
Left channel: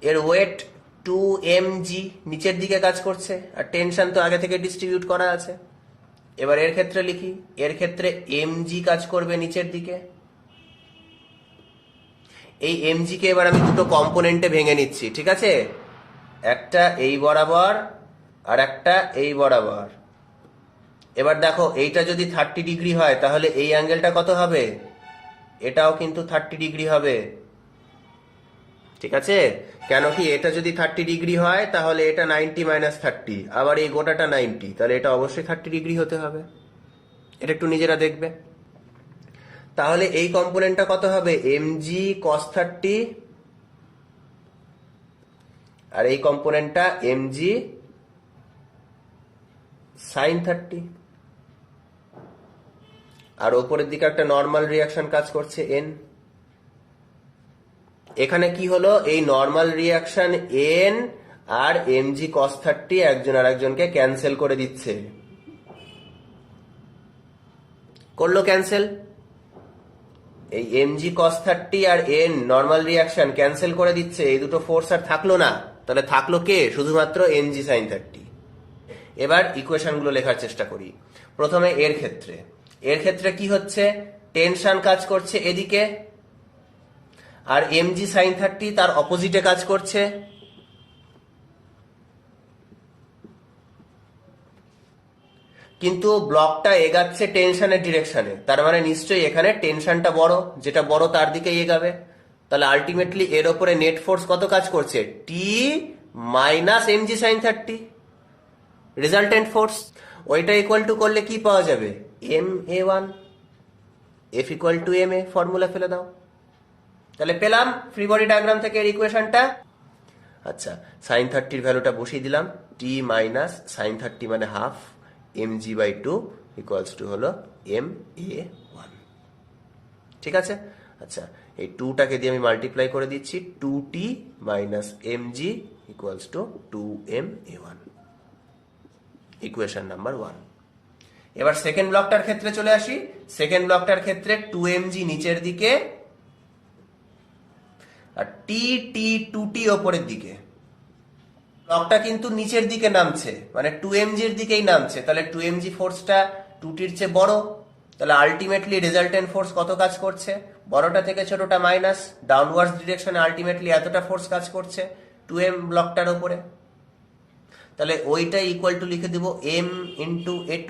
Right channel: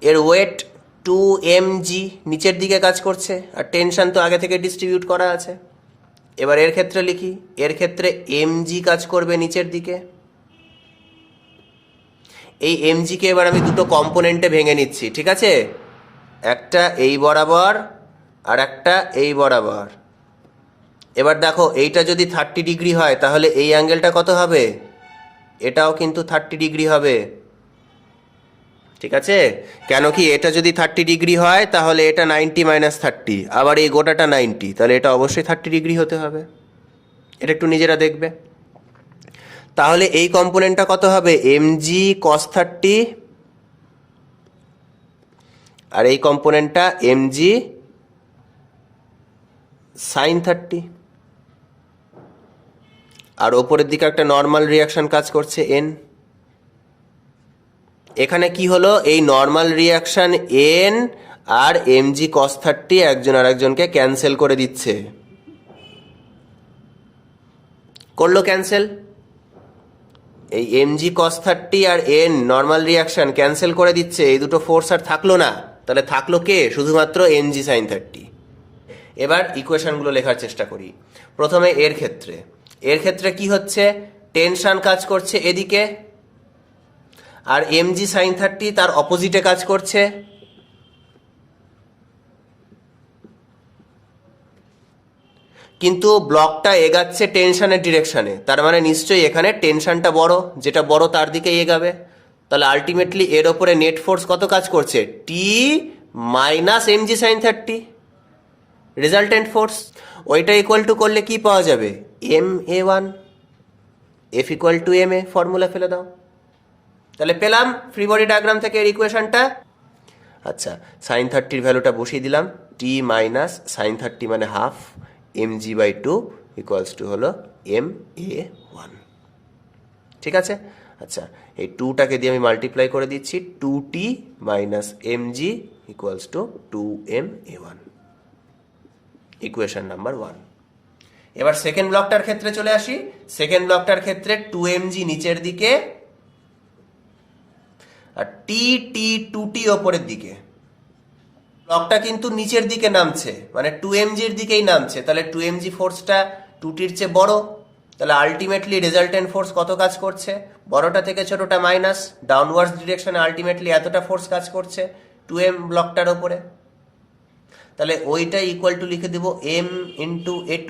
এর ওয়েট 2mg নিচের দিকে কাজ করছে, আর টেনশন তো আগে থেকে ডিস্ট্রিবিউট করা আছে। এবার এর ক্ষেত্রে লিখি, এর ক্ষেত্রে mg কাজ করবে নিচের দিকে। এই mg কে এবার আমি দুটো কম্পোনেন্টে ভেঙে নিচ্ছি। ঠিক আছে, একটা এই বরাবর আর একটা এই বরাবর। এবার দেখো এইটা যদি 30 ডিগ্রি হয় তাহলে এই অ্যাঙ্গেলটা কত হবে? এটাও কিন্তু 30 ডিগ্রি হবে। ঠিক আছে, কেন কি এটা যদি 30 ডিগ্রি হয় তাহলে এটা 90 মাইনাস 30, আবার এই গোটাটা 90, তাহলে এটা অবশ্যই 30 ডিগ্রি হতে হবে। এটা একটু নিজেরা দেখবে। তাহলে এই কম্পোনেন্টটা কত হবে? mg cos 30, আর এই কম্পোনেন্টটা mg sin 30, আর ওপরের দিকে একটা নর্মাল রিয়াকশন কাজ করছে n। এখানে কি হলো? এই নর্মাল রিয়াকশন n আর mg cos 30 একজন আরেকজনকে ক্যান্সেল করে দিচ্ছে। করলো ক্যান্সেল। এই mg cos 30 আর n নর্মাল রিয়াকশন ক্যান্সেল করে দিচ্ছে, এই দুটো ফোর্স আর থাকলো না। তাহলে থাকলো কে? শুধুমাত্র mg sin 30। এবার ইকুয়েশনগুলো লেখার চেষ্টা করি। প্রথমে এর ক্ষেত্রে কি হচ্ছে? টেনশন কাজ করছে এদিকে, আর mg sin 30 তার অপোজিটে কাজ করছে। কিন্তু ব্লকটা এগাচ্ছে টেনশনের ডিরেকশনে, তার মানে নিশ্চয়ই এখানে টেনশনটা বড়, যেটা বড় তার দিকে এগাবে। তাহলে আলটিমেটলি এর ওপরে নেট ফোর্স কত কাজ করছে? T minus mg sin 30 resultant force. ওইটা ইকুয়াল টু করলে কি পাওয়া যাবে? ma1 f equal to ma। Formula ফেলে দাও। তাহলে পেলাম ফ্রি বডি ডায়াগ্রাম থেকে এর ইকুয়েশনটা। আচ্ছা, sin 30 এর ভ্যালুটা বসিয়ে দিলাম, t মাইনাস sin 30 মানে হাফ mg/2 ইকুয়ালস টু হলো ma1। ঠিক আছে। আচ্ছা, এই 2টাকে দিয়ে আমি মাল্টিপ্লাই করে দিচ্ছি, 2t minus mg equals to 2ma1, equation number 1। এবার সেকেন্ড ব্লকটার ক্ষেত্রে চলে আসি। সেকেন্ড ব্লকটার ক্ষেত্রে 2mg নিচের দিকে আর t2t ওপরের দিকে। ব্লকটা কিন্তু নিচের দিকে নামছে, মানে 2mg এর দিকেই নামছে। তাহলে 2mg ফোর্সটা 2tর চেয়ে বড়। তাহলে আলটিমেটলি রেজাল্টেন্ট ফোর্স কত কাজ করছে? বড়টা থেকে ছোটটা মাইনাস, ডাউনওয়ার্ডস ডিরেকশনে আলটিমেটলি এতটা ফোর্স কাজ করছে 2m ব্লকটার ওপরে। তাহলে ওইটা ইকুয়াল টু লিখে দেব m ইন্টু a2,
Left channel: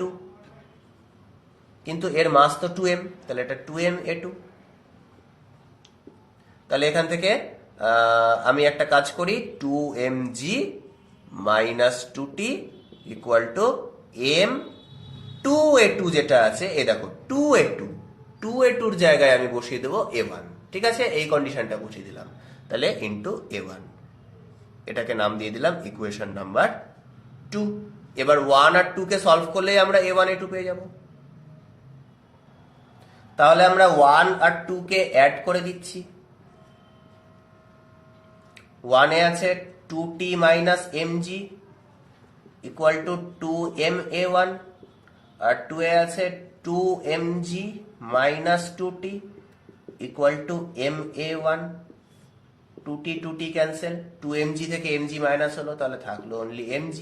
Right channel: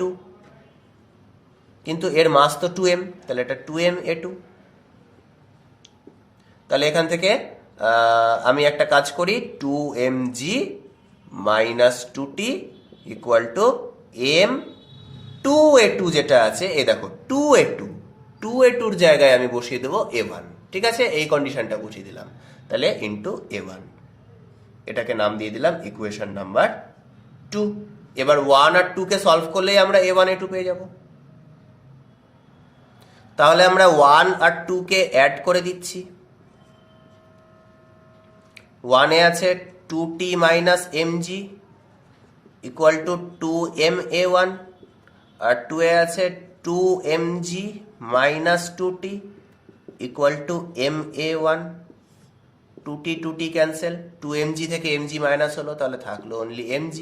কিন্তু এর মাস তো 2m, তাহলে এটা 2m a2। তাহলে এখান থেকে আমি একটা কাজ করি, 2mg minus 2t equal to m 2a2 যেটা আছে, এই দেখো 2a2 জায়গায় আমি বসিয়ে দেবো a1। ঠিক আছে, এই কন্ডিশনটা বসিয়ে দিলাম। তাহলে ইন্টু a1, এটাকে নাম দিয়ে দিলাম ইকুয়েশন নাম্বার 2। এবার 1 আর 2 কে সলভ করলেই আমরা a1 a2 পেয়ে যাব। তাহলে আমরা 1 আর 2 কে অ্যাড করে দিচ্ছি। 1 এ আছে 2t minus mg equal to 2ma1, আর 2 এ আছে 2mg minus 2t equal to ma1। 2t cancel, 2mg থেকে mg মাইনাস হলো, তাহলে থাকলো অনলি mg।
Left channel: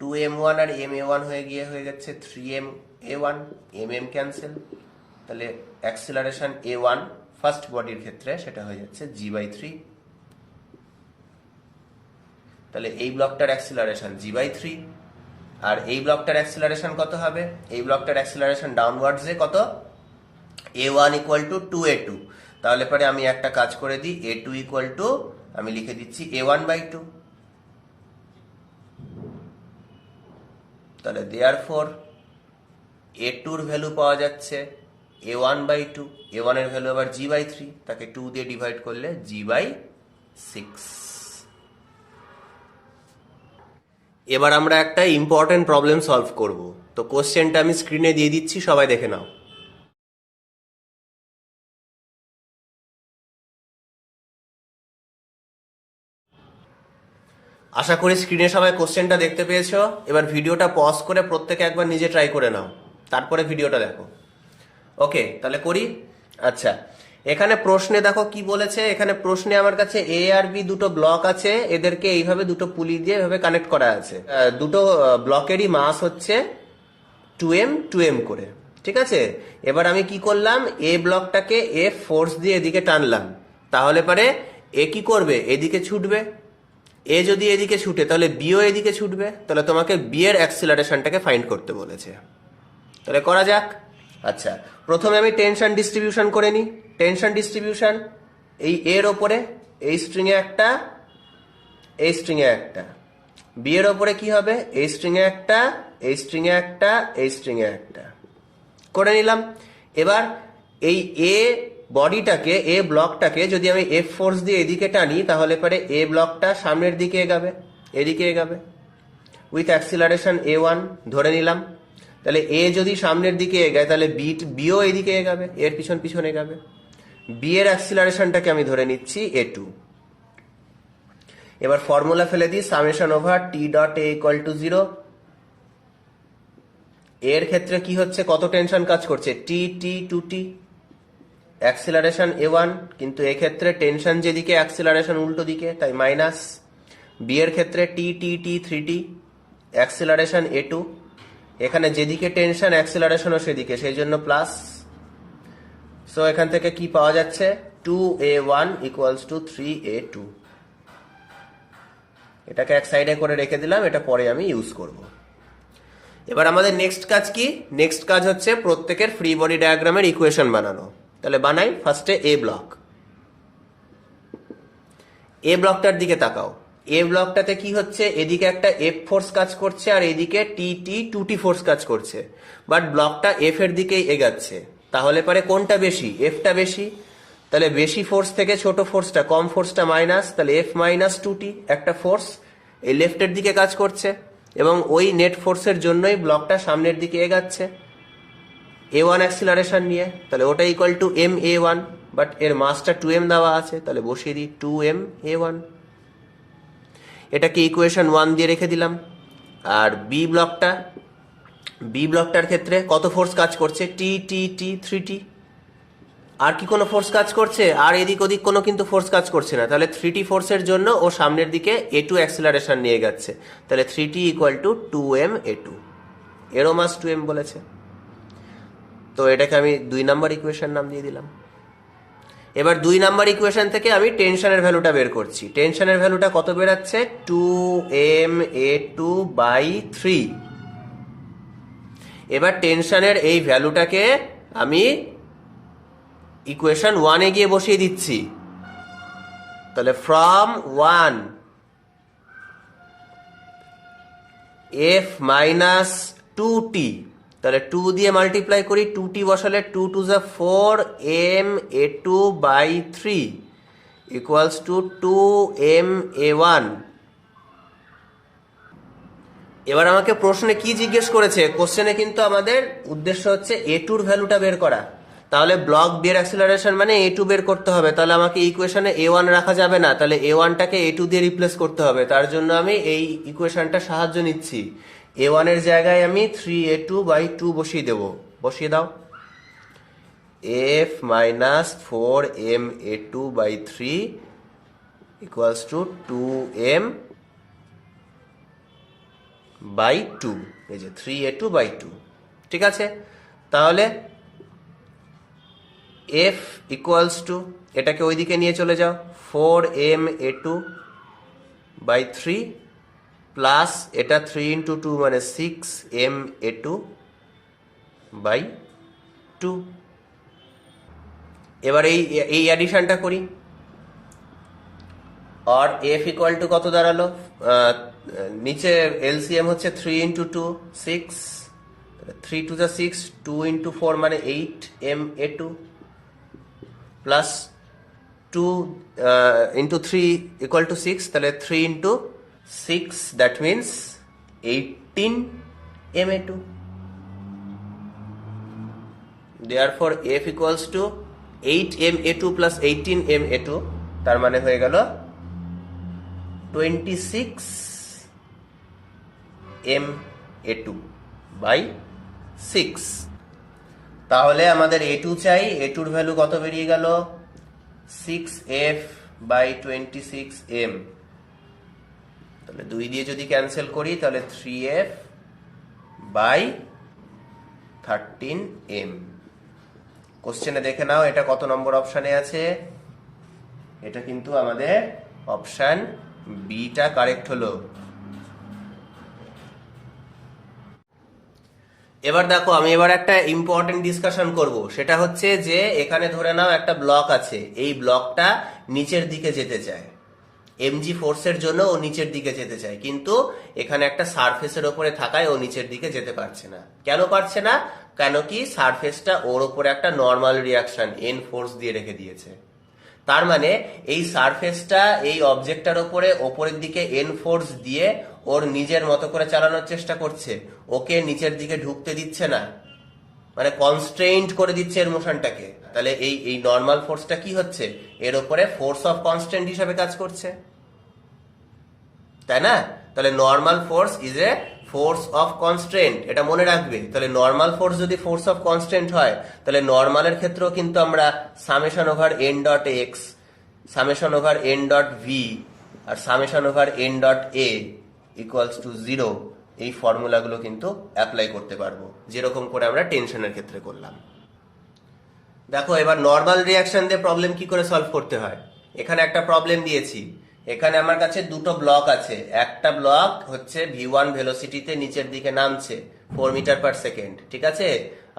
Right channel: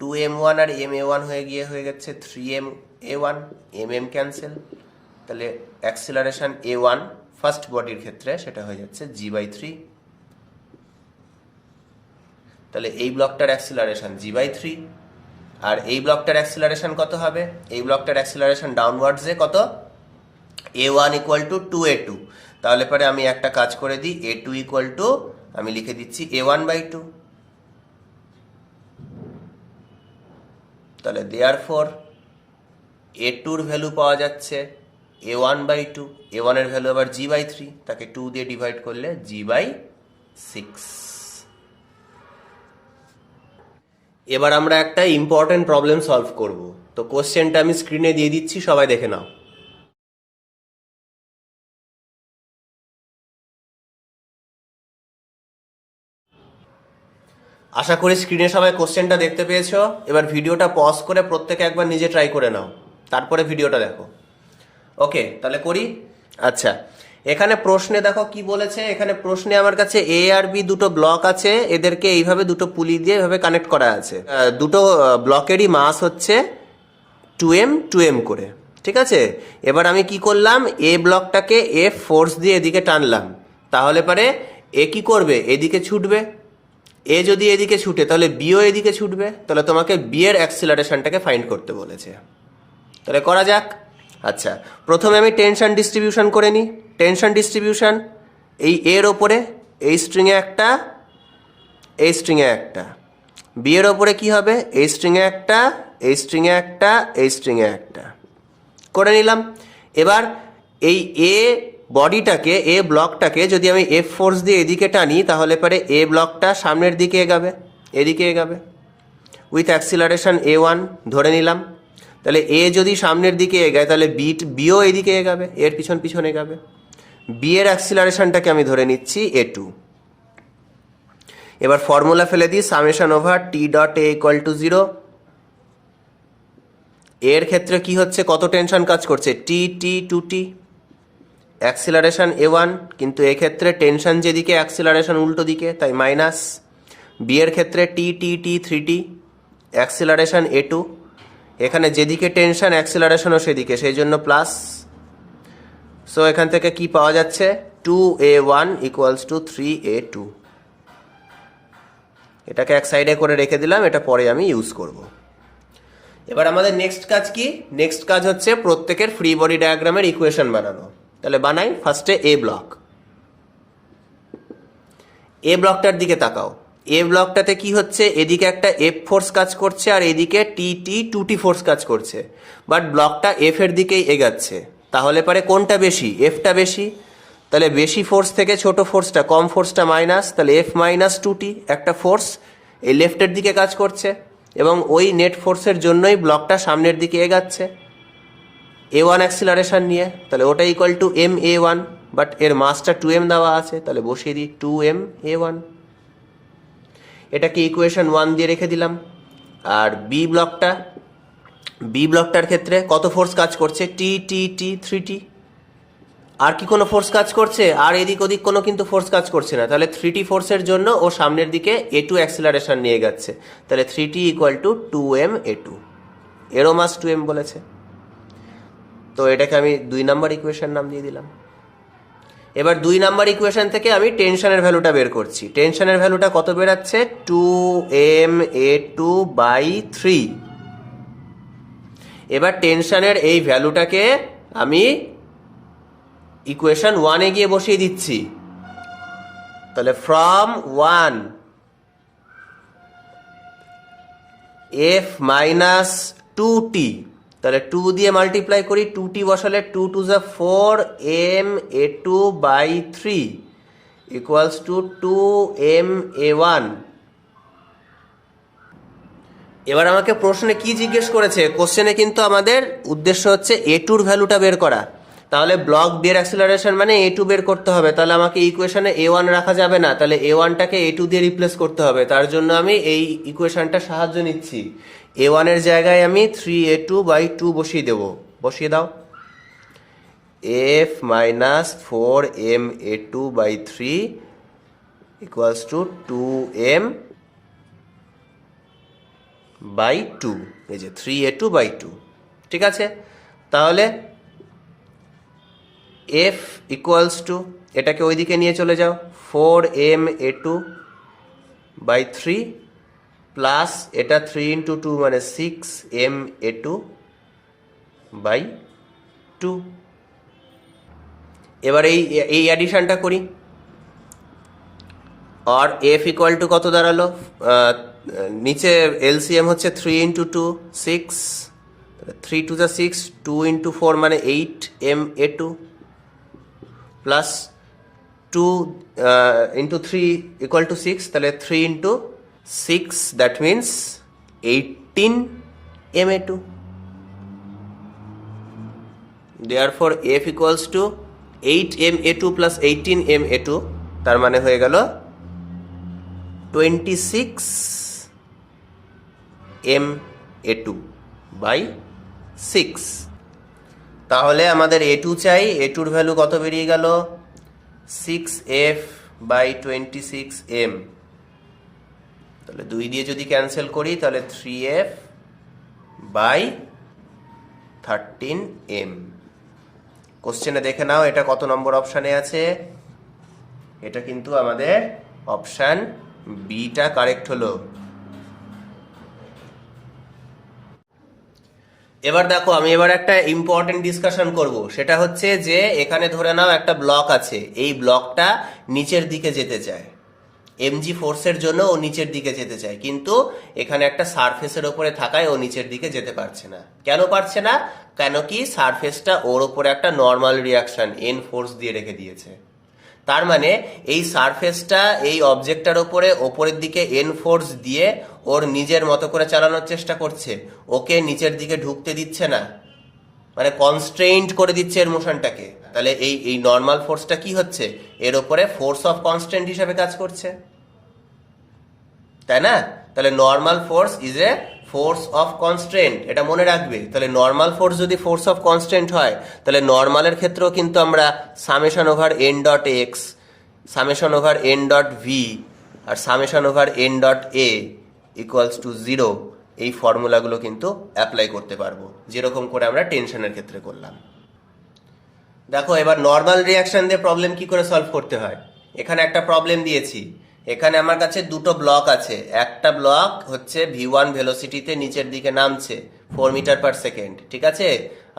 2m1 আর ma1 হয়ে গেছে 3ma1, mm ক্যান্সেল। তাহলে অ্যাক্সিলারেশন a1 ফার্স্ট বডির ক্ষেত্রে সেটা হয়ে যাচ্ছে g/3। তাহলে এই ব্লকটার অ্যাক্সিলারেশন g/3, আর এই ব্লকটার অ্যাক্সিলারেশন কত হবে? এই ব্লকটার অ্যাক্সিলারেশন ডাউনওয়ার্ডসে কত? a1 equal two 2a2। তাহলে পরে আমি একটা কাজ করে দিই, a2 ইকুয়াল টু আমি লিখে দিচ্ছি a1/2। তাহলে দেয়ারফর a2 এর ভ্যালু পাওয়া যাচ্ছে a1/2, a1 এর ভ্যালু আবার g/3, তাকে 2 দিয়ে ডিভাইড করলে g/6। এবার আমরা একটা ইম্পর্টেন্ট প্রবলেম সলভ করব। তো কোশ্চেনটা আমি স্ক্রিনে দিয়ে দিচ্ছি, সবাই দেখে নাও। আশা করি স্ক্রিনে সবাই কোশ্চেনটা দেখতে পেয়েছো। এবার ভিডিওটা পজ করে প্রত্যেকে একবার নিজে ট্রাই করে নাও, তারপরে ভিডিওটা দেখো। ওকে, তাহলে করি। আচ্ছা, এখানে প্রশ্নে দেখো কি বলেছে। এখানে প্রশ্নে আমার কাছে এ আর বি দুটো ব্লক আছে, এদেরকে এইভাবে দুটো পুলি দিয়ে এভাবে কানেক্ট করা আছে। দুটো ব্লকেরই মাস হচ্ছে 2m করে। ঠিক আছে, এবার আমি কি করলাম, এ ব্লকটাকে এফ ফোর্স দিয়ে এদিকে টানলাম, তাহলে পরে এ কি করবে? এদিকে ছুটবে। এ যদি এদিকে ছুটে তাহলে বিও এদিকে ছুটবে, তাহলে তোমাকে বি এর অ্যাক্সিলারেশনটাকে ফাইন্ড করতে বলেছে। তাহলে করা যাক। আচ্ছা, প্রথমে আমি টেনশন ডিস্ট্রিবিউশন করে নিই। টেনশন ডিস্ট্রিবিউশন, এই এর ওপরে এই স্ট্রিংয়ে একটা, এই স্ট্রিংয়ে একটা, বি এর ওপরে কি হবে, এই স্ট্রিংয়ে একটা, এই স্ট্রিংয়ে একটা, এই স্ট্রিংয়ে একটা করে নিলাম। এবার এই এ বডিটাকে, এ ব্লকটাকে যদি আমি এফ ফোর্স দিয়ে এদিকে টানি, তাহলে পরে এ ব্লকটা সামনের দিকে এগাবে, এদিকে এগাবে উইথ অ্যাক্সিলারেশন a1 ধরে নিলাম। তাহলে এ যদি সামনের দিকে এগায় তাহলে বিও এদিকে এগাবে, এর পিছন পিছন এগাবে। বি এর অ্যাক্সিলারেশনটাকে আমি ধরে নিচ্ছি a2। এবার ফর্মুলা ফেলে দিই, summation over T dot A equal to 0। এর ক্ষেত্রে কি হচ্ছে, কত টেনশন কাজ করছে, টি টি টু টি, অ্যাক্সিলারেশন a1, কিন্তু এক্ষেত্রে টেনশন যেদিকে অ্যাক্সিলারেশন উল্টো দিকে, তাই মাইনাস। বি এর ক্ষেত্রে টি টি টি 3t, অ্যাক্সিলারেশন a2, এখানে যেদিকে টেনশন অ্যাক্সিলারেশনও সেদিকে, সেই জন্য প্লাস। সো এখান থেকে কি পাওয়া যাচ্ছে, 2a1 ইকুয়ালস টু 3a2। এটাকে এক সাইডে করে রেখে দিলাম, এটা পরে আমি ইউজ করব। এবার আমাদের নেক্সট কাজ কি, নেক্সট কাজ হচ্ছে প্রত্যেকের ফ্রি বডি ডায়াগ্রামের ইকুয়েশন বানানো। তাহলে বানাই। ফার্স্টে এ ব্লক, এ ব্লকটার দিকে তাকাও। এ ব্লকটাতে কি হচ্ছে, এদিকে একটা এফ ফোর্স কাজ করছে আর এদিকে টি টি 2t ফোর্স কাজ করছে, বাট ব্লকটা এফ এর দিকেই এগাচ্ছে। তাহলে পরে কোনটা বেশি, এফটা বেশি। তাহলে বেশি ফোর্স থেকে ছোট ফোর্সটা, কম ফোর্সটা মাইনাস, তাহলে এফ মাইনাস 2t একটা ফোর্স এই লেফটের দিকে কাজ করছে, এবং ওই নেট ফোর্সের জন্যই ব্লকটা সামনের দিকে এগাচ্ছে a1 অ্যাক্সিলারেশন নিয়ে। তাহলে ওটা equal to M a1, but এর মাসটা 2m দেওয়া আছে, তাহলে বসিয়ে দিই 2m a1। এটাকে ইকুয়েশন 1 দিয়ে রেখে দিলাম। আর বি ব্লকটা, বি ব্লকটার ক্ষেত্রে কত ফোর্স কাজ করছে, টি টি টি 3t। আর কি কোনো ফোর্স কাজ করছে, আর এদিক ওদিক কোনো কিন্তু ফোর্স কাজ করছে না, তাহলে 3t ফোর্সের জন্য ও সামনের দিকে a2 অ্যাক্সিলারেশন নিয়ে যাচ্ছে, তাহলে 3t equal to 2m a2, এরও মাস 2m বলেছে। তো এটাকে আমি 2 নাম্বার ইকুয়েশন নাম দিয়ে দিলাম। এবার 2 নাম্বার ইকুয়েশন থেকে আমি টেনশনের ভ্যালুটা বের করছি। টেনশনের ভ্যালুটা কত বেরাচ্ছে, 2m a2 বাই 3। এবার টেনশনের এই ভ্যালুটাকে আমি ইকুয়েশন 1 এ গিয়ে বসিয়ে দিচ্ছি। তাহলে ফ্রম 1 f মাইনাস 2t, তাহলে 2 দিয়ে মাল্টিপ্লাই করি, 2t বসালে 2 টু যা 4 m a2 by 3 equals to 2m a1। এবার আমাকে প্রশ্নে কি জিজ্ঞেস করেছে, কোশ্চেনে কিন্তু আমাদের উদ্দেশ্য হচ্ছে a2 এর ভ্যালুটা বের করা। তাহলে ব্লক বি এর অ্যাক্সিলারেশন মানে a2 বের করতে হবে, তাহলে আমাকে ইকুয়েশনে a1 রাখা যাবে না, তাহলে a1টাকে a2 দিয়ে রিপ্লেস করতে হবে। তার জন্য আমি এই ইকুয়েশনটা সাহায্য নিচ্ছি। a1 এর জায়গায় আমি 3a2 বাই 2 বসিয়ে দেব, বসিয়ে দাও। f minus 4m a2 by 3 equals to 2m by 2, এই যে 3a2 বাই 2। ঠিক আছে, তাহলে f ইকুয়ালস টু, এটাকে ওইদিকে নিয়ে চলে যাও, 4m a2 বাই 3 প্লাস এটা 3 ইন্টু 2 মানে 6m a2 বাই 2। এবার এই অ্যাডিশনটা করি। আর f ইকুয়াল টু কত দাঁড়ালো, নিচে এলসিএম হচ্ছে 3 ইন্টু 2 6, 3 টু যা 6, 2 ইন্টু 4 মানে 8m a2 plus 2 into 3 equal to 6, তাহলে 3 into 6 that means 18m a2। Therefore f equals to 8m a2 plus 18m a2, তার মানে হয়ে গেল 26m a2 বাই 6। তাহলে আমাদের a2 চাই, a2 এর ভ্যালু কত বেরিয়ে গেল, 6f বাই 26m। তাহলে 2 দিয়ে যদি ক্যান্সেল করি তাহলে 3f বাই 13m। কোশ্চেনে দেখে নাও এটা কত নম্বর অপশানে আছে, এটা কিন্তু আমাদের অপশান বিটা কারেক্ট হলো। এবার দেখো, আমি এবার একটা ইম্পর্টেন্ট ডিসকাশন করব, সেটা হচ্ছে যে এখানে ধরে নাও একটা ব্লক আছে, এই ব্লকটা নিচের দিকে যেতে চায়, এমজি ফোর্সের জন্য ও নিচের দিকে যেতে চায়, কিন্তু এখানে একটা সারফেসের ওপরে থাকায় ও নিচের দিকে যেতে পারছে না। কেন পারছে না? কেন কি সারফেসটা ওর ওপরে একটা নর্মাল রিয়াকশন এন ফোর্স দিয়ে রেখে দিয়েছে। তার মানে এই সারফেসটা এই অবজেক্টটার ওপরে ওপরের দিকে এন ফোর্স দিয়ে ওর নিজের মতো করে চালানোর চেষ্টা করছে, ওকে নিচের দিকে ঢুকতে দিচ্ছে না, মানে কনস্ট্রেইন্ট করে দিচ্ছে এর মোশনটাকে। তাহলে এই এই নর্মাল ফোর্সটা কি হচ্ছে, এর ওপরে ফোর্স অফ কনস্ট্যান্ট হিসাবে কাজ করছে, তাই না? তাহলে normal force is a force of constraint, এটা মনে রাখবে। তাহলে নর্মাল ফোর্স যদি ফোর্স অফ কনস্ট্রেন্ট হয়, তাহলে নর্মালের ক্ষেত্রেও কিন্তু আমরা summation over N dot X, summation over N dot V আর summation over N dot A equals to 0 এই ফর্মুলাগুলো কিন্তু অ্যাপ্লাই করতে পারবো, যেরকম করে আমরা টেনশনের ক্ষেত্রে করলাম। দেখো, এবার নর্মাল রিয়াকশন দিয়ে প্রবলেম কি করে সলভ করতে হয়। এখানে একটা প্রবলেম দিয়েছি, এখানে আমার কাছে দুটো ব্লক আছে, একটা ব্লক হচ্ছে v1 ভেলোসিটিতে নিচের দিকে নামছে 4 মিটার পার সেকেন্ড, ঠিক আছে?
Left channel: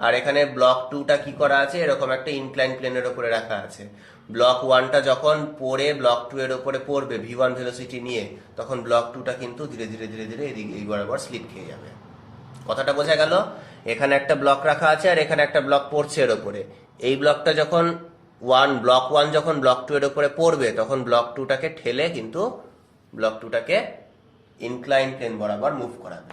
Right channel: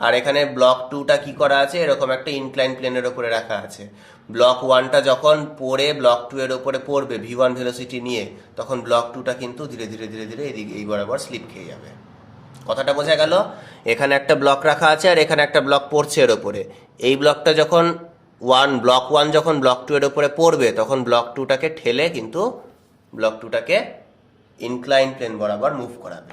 আর এখানে ব্লক 2টা কি করা আছে, এরকম একটা ইনক্লাইন প্লেনের উপরে রাখা আছে। ব্লক 1টা যখন পড়ে ব্লক 2 এর উপরে পড়বে v1 ভেলোসিটি নিয়ে, তখন ব্লক 2টা কিন্তু ধীরে ধীরে ধীরে ধীরে এদিকে এই বরাবর স্লিপ খেয়ে যাবে। কথাটা বোঝা গেল? এখানে একটা ব্লক রাখা আছে আর এখানে একটা ব্লক পড়ছে এর উপরে। এই ব্লকটা যখন ব্লক 1 যখন ব্লক 2 এর উপরে পড়বে, তখন ব্লক 2টাকে ঠেলে কিন্তু ব্লক 2টাকে ইনক্লাইন প্লেন বরাবর মুভ করাবে।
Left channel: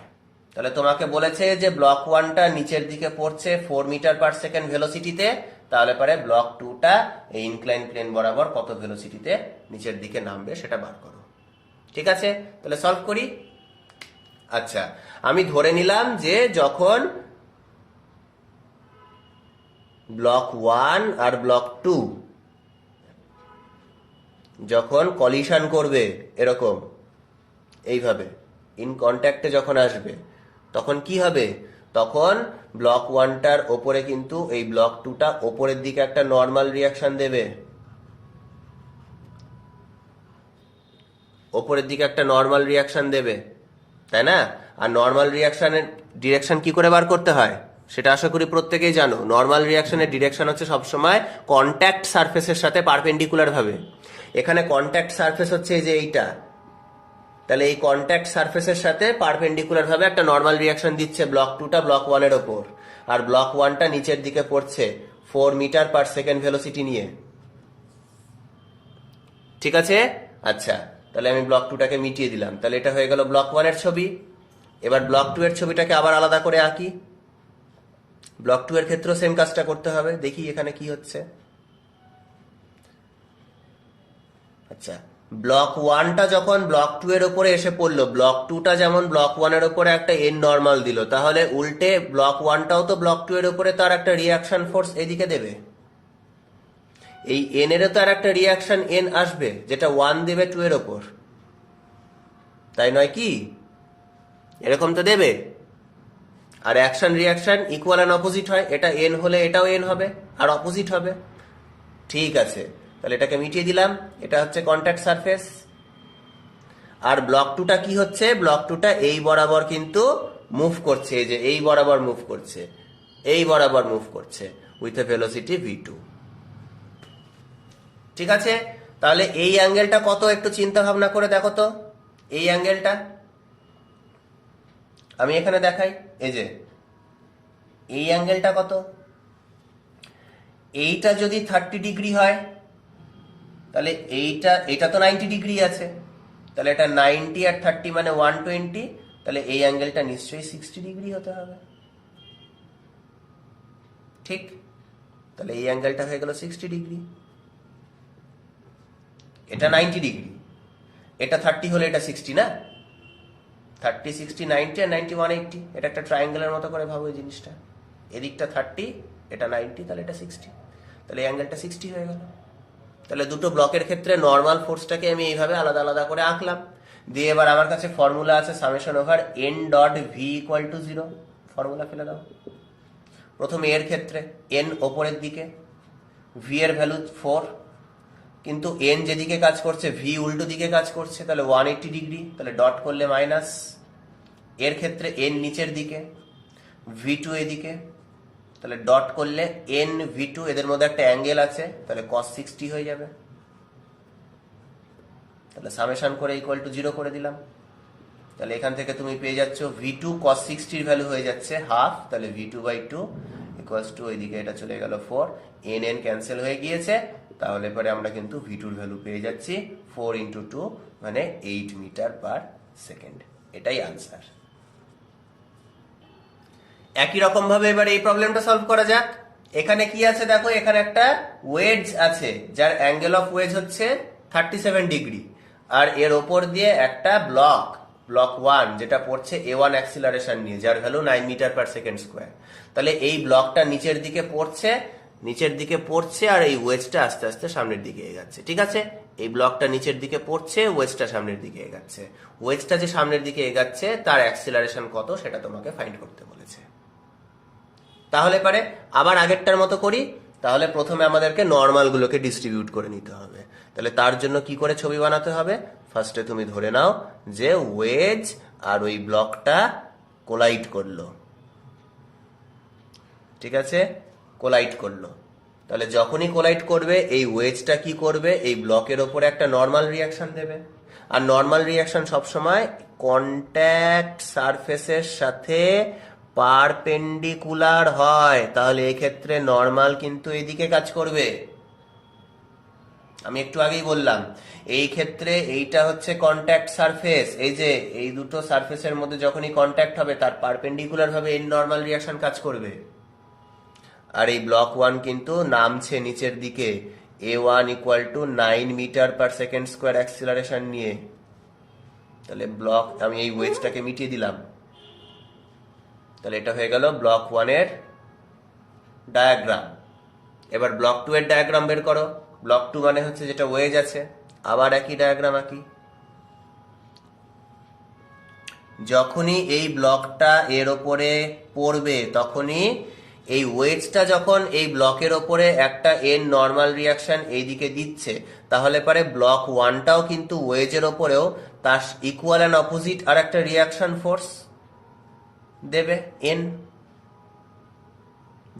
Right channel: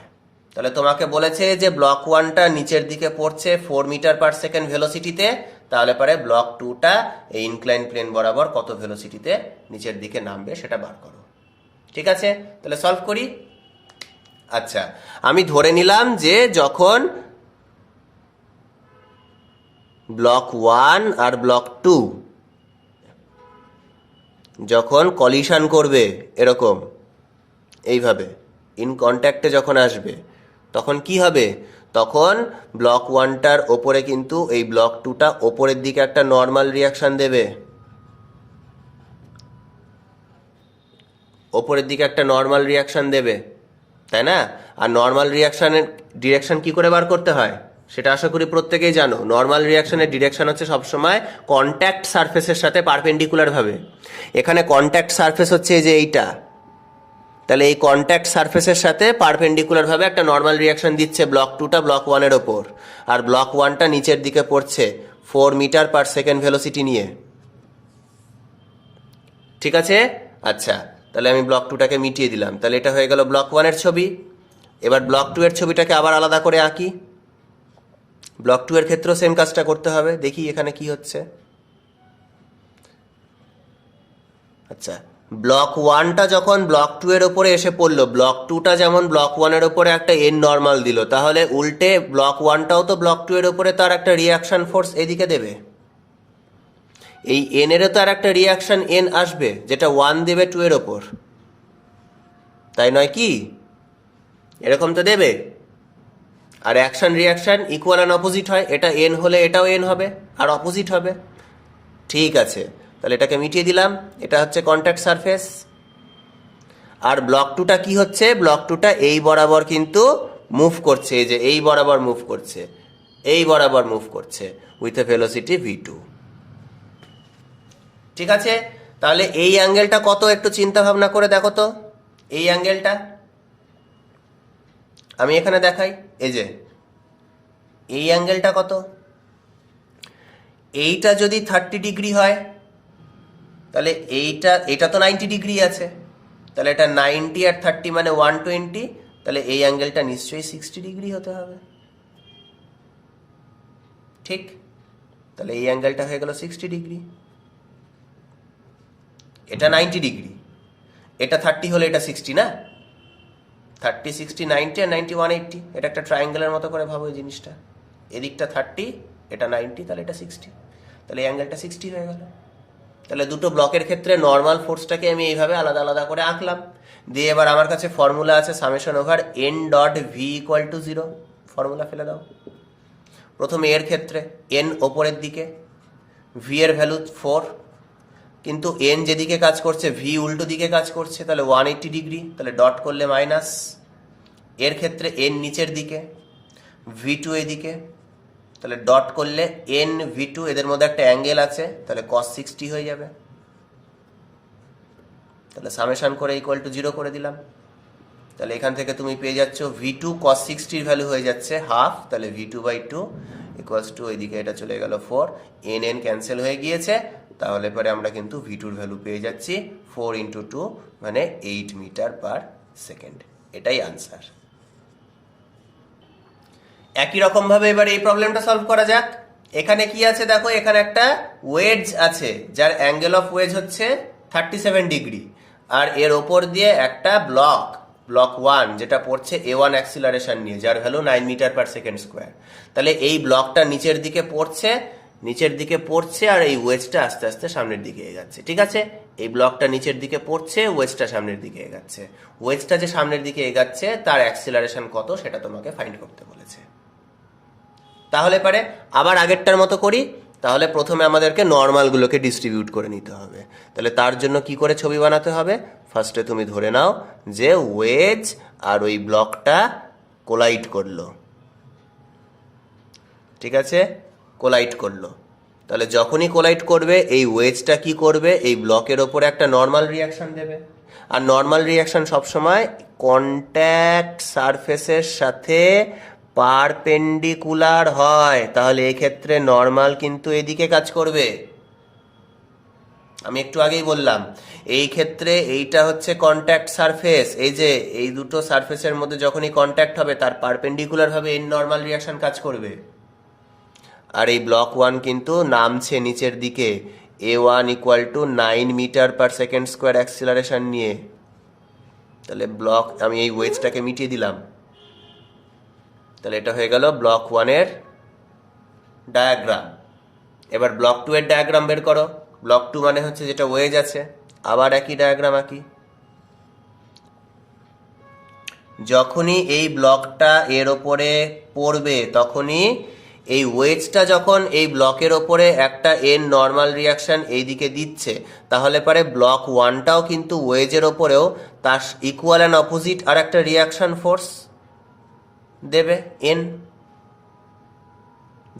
তাহলে তোমাকে বলেছে যে ব্লক 1টা নিচের দিকে পড়ছে 4 মিটার পার সেকেন্ড ভেলোসিটিতে, তাহলে পরে ব্লক 2টা এই ইনক্লাইন প্লেন বরাবর কত ভেলোসিটিতে নিচের দিকে নামবে সেটা বার করো। ঠিক আছে, তাহলে সলভ করি। আচ্ছা, আমি ধরে নিলাম যে যখন ব্লক 1 আর ব্লক 2 যখন কলিশন করবে এরকম এইভাবে ইন কন্ট্যাক্টে যখন আসবে, তখন কি হবে, তখন ব্লক 1টার ওপরে কিন্তু এই ব্লক 2টা ওপরের দিকে একটা নর্মাল রিয়াকশন দেবে, ওপরের দিকে একটা নর্মাল রিয়াকশন দেবে, তাই না? আর নর্মাল রিয়াকশনের ডিরেকশন কি করে বার করতে হয় সেটা আশা করি প্রত্যেকেই জানো। নর্মাল রিয়াকশনের ডিরেকশন হচ্ছে সবসময় কন্ট্যাক্ট সারফেসের সাথে পারপেন্ডিকুলার ভাবে। এখানে কন্ট্যাক্ট সারফেস হচ্ছে এই যে এইটা, তাহলে এই কন্ট্যাক্ট সারফেসের সাথে পারপেন্ডিকুলার ভাবে একটা নর্মাল রিয়াকশন দিচ্ছে ব্লক 2টা ব্লক 1 এর ওপর, আর ব্লক 1টা নিচের দিকে পড়ছে 4 মিটার পার সেকেন্ড ভেলোসিটি নিয়ে। ঠিক আছে? আচ্ছা, তাহলে আমি ব্লক 2টাকে মিটিয়ে দিলাম, তাহলে এটা হয়ে গেল ব্লক 1 এর ছবি। এবার ব্লক 2 এর ছবিটাকে আবার আলাদা করে আঁকি। ব্লক 2 এর ক্ষেত্রেও সেম কাজটা করতে হবে, দেখি এখানে কি হচ্ছে। আচ্ছা, ব্লক 1টা যখন ব্লক 2 এর উপরে এসে পড়লো, ব্লক 2টা যেমন ব্লক 1 এর উপরে একটা এন নর্মাল দিল, তাহলে উল্টে ব্লক 1টাও তো ব্লক 2 এর উপরে তার একটা রিয়াকশন ফোর্স এদিকে দেবে। এই এন এরও তো আর একটা রিয়াকশন এন আসবে, যেটা 1 দেবে 2 এর ওপর, তাই নয় কি? এরকম তো দেবে। আর action reaction equal and opposite হয়, এটা এন হলে এটাও এন হবে আর অপোজিট হবে। ঠিক আছে, তাহলে এটাকে মিটিয়ে দিলাম, এটা হচ্ছে কন্ট্যাক্ট সারফেস। আর ব্লক 2টা কি হচ্ছে, ব্লক 2টা এই বরাবর কিন্তু মুভ করছে, এই যে এই বরাবর মুভ করছে, এই বরাবর মুভ করছে উইথ এ ভেলোসিটি v2। ঠিক আছে, তাহলে এই অ্যাঙ্গেলটা কত একটু চিন্তা ভাবনা করে দেখো তো। এই অ্যাঙ্গেলটা আমি এখানে দেখাই, এই যে এই অ্যাঙ্গেলটা কত, এইটা যদি 30 ডিগ্রি হয়, তাহলে এটা তো 90 ডিগ্রি আছে, তাহলে এটা 90 আর 30 মানে 120, তাহলে এই অ্যাঙ্গেলটা নিশ্চয়ই 60 ডিগ্রি হতে হবে। ঠিক, তাহলে এই অ্যাঙ্গেলটা হয়ে গেল 60 ডিগ্রি। এটা 90 ডিগ্রি, এটা 30 হলে এটা 60 না, 30 60 90 আর 90 180, এটা একটা ট্রায়াঙ্গেলের মতো করে ভাবো এই জিনিসটা, এদিকটা 30 এটা 90, তাহলে এটা 60, তাহলে এই অ্যাঙ্গেলটা 60 হয়ে গেল। তাহলে দুটো ব্লকের ক্ষেত্রে নর্মাল ফোর্সটাকে আমি এইভাবে আলাদা আলাদা করে আঁকলাম। দিয়ে এবার আমার কাছে ফর্মুলা আছে summation over N dot V equal to 0, formula ফেলে দাও। প্রথমে এর ক্ষেত্রে এন ওপরের দিকে, ভি এর ভ্যালু 4, কিন্তু এন যেদিকে কাজ করছে ভি উল্টো দিকে কাজ করছে, তাহলে 180 ডিগ্রি, তাহলে ডট করলে মাইনাস। এর ক্ষেত্রে এন নিচের দিকে, ভি টু এদিকে, তাহলে ডট করলে এন ভি টু, এদের মধ্যে একটা অ্যাঙ্গেল আছে, তাহলে cos 60 হয়ে যাবে। তাহলে সামেশন করে ইকুয়াল টু 0 করে দিলাম। তাহলে এখান থেকে তুমি পেয়ে যাচ্ছ ভি টু cos 60 ভ্যালু হয়ে যাচ্ছে হাফ, তাহলে V two by two equals to, ওইদিকে এটা চলে গেল 4, এন এন ক্যান্সেল হয়ে গিয়েছে, তাহলে পরে আমরা কিন্তু ভি টুর ভ্যালু পেয়ে যাচ্ছি 4 ইন্টু 2 মানে 8 মিটার পার সেকেন্ড। এটাই আনসার। একই রকম ভাবে এবার এই প্রবলেমটা সলভ করা যাক। এখানে কি আছে দেখো, এখানে একটা ওয়েজ আছে যার অ্যাঙ্গেল অফ ওয়েজ হচ্ছে 37 ডিগ্রি, আর এর ওপর দিয়ে একটা ব্লক 1 যেটা পড়ছে a1 অ্যাক্সিলারেশন নিয়ে, যার value 9 meter per second square. তাহলে এই ব্লকটা নিচের দিকে পড়ছে আর এই ওয়েজটা আস্তে আস্তে সামনের দিকে এগাচ্ছে। ঠিক আছে, এই ব্লকটা নিচের দিকে পড়ছে, ওয়েজটা সামনের দিকে এগাচ্ছে। ওয়েজটা যে সামনের দিকে এগাচ্ছে তার অ্যাক্সিলারেশন কত সেটা তোমাকে ফাইন্ড করতে বলেছে। তাহলে পারে আবার আগেরটার মতো করি। তাহলে প্রথমে আমাদেরকে নর্মালগুলোকে ডিস্ট্রিবিউট করে নিতে হবে। তাহলে তার জন্য কি করে ছবি বানাতে হবে, ফার্স্টে তুমি ধরে নাও যে ওয়েজ আর ওই ব্লকটা কোলাইড করলো। ঠিক আছে, কোলাইড করলো। তাহলে যখনই কোলাইড করবে এই ওয়েজটা কি করবে, এই ব্লকের ওপরে একটা নর্মাল রিয়াকশন দেবে। আর নর্মাল রিয়াকশন সবসময় কন্ট্যাক্ট সারফেসের সাথে পারপেন্ডিকুলার হয়, তাহলে এই ক্ষেত্রে নর্মাল কিন্তু এদিকে কাজ করবে। আমি একটু আগেই বললাম এই ক্ষেত্রে এইটা হচ্ছে কন্ট্যাক্ট সারফেস, এই যে এই দুটো সারফেসের মধ্যে যখনই কন্ট্যাক্ট হবে তার পারপেন্ডিকুলার ভাবে এই নর্মাল রিয়াকশন কাজ করবে। আর এই ব্লক 1 কিন্তু নামছে নিচের দিকে, a1 equal to 9 meter per second square acceleration নিয়ে। তাহলে ব্লক, আমি এই ওয়েজটাকে মিটিয়ে দিলাম, তাহলে এটা হয়ে গেল ব্লক 1 এর ডায়াগ্রাম। এবার ব্লক 2 এর ডায়াগ্রাম বের করো। ব্লক 2 মানে হচ্ছে যেটা ওয়েজ আছে, আবার একই ডায়াগ্রাম আঁকি। যখনই এই ব্লকটা এর ওপরে পড়বে তখনই এই ওয়েজটা যখন এই ব্লকের ওপরে একটা এন নর্মাল রিয়াকশন এইদিকে দিচ্ছে, তাহলে পরে ব্লক 1টাও কিন্তু ওয়েজের ওপরেও তার ইকুয়াল অ্যান্ড অপোজিট আর একটা রিয়াকশন ফোর্স দেবে এন,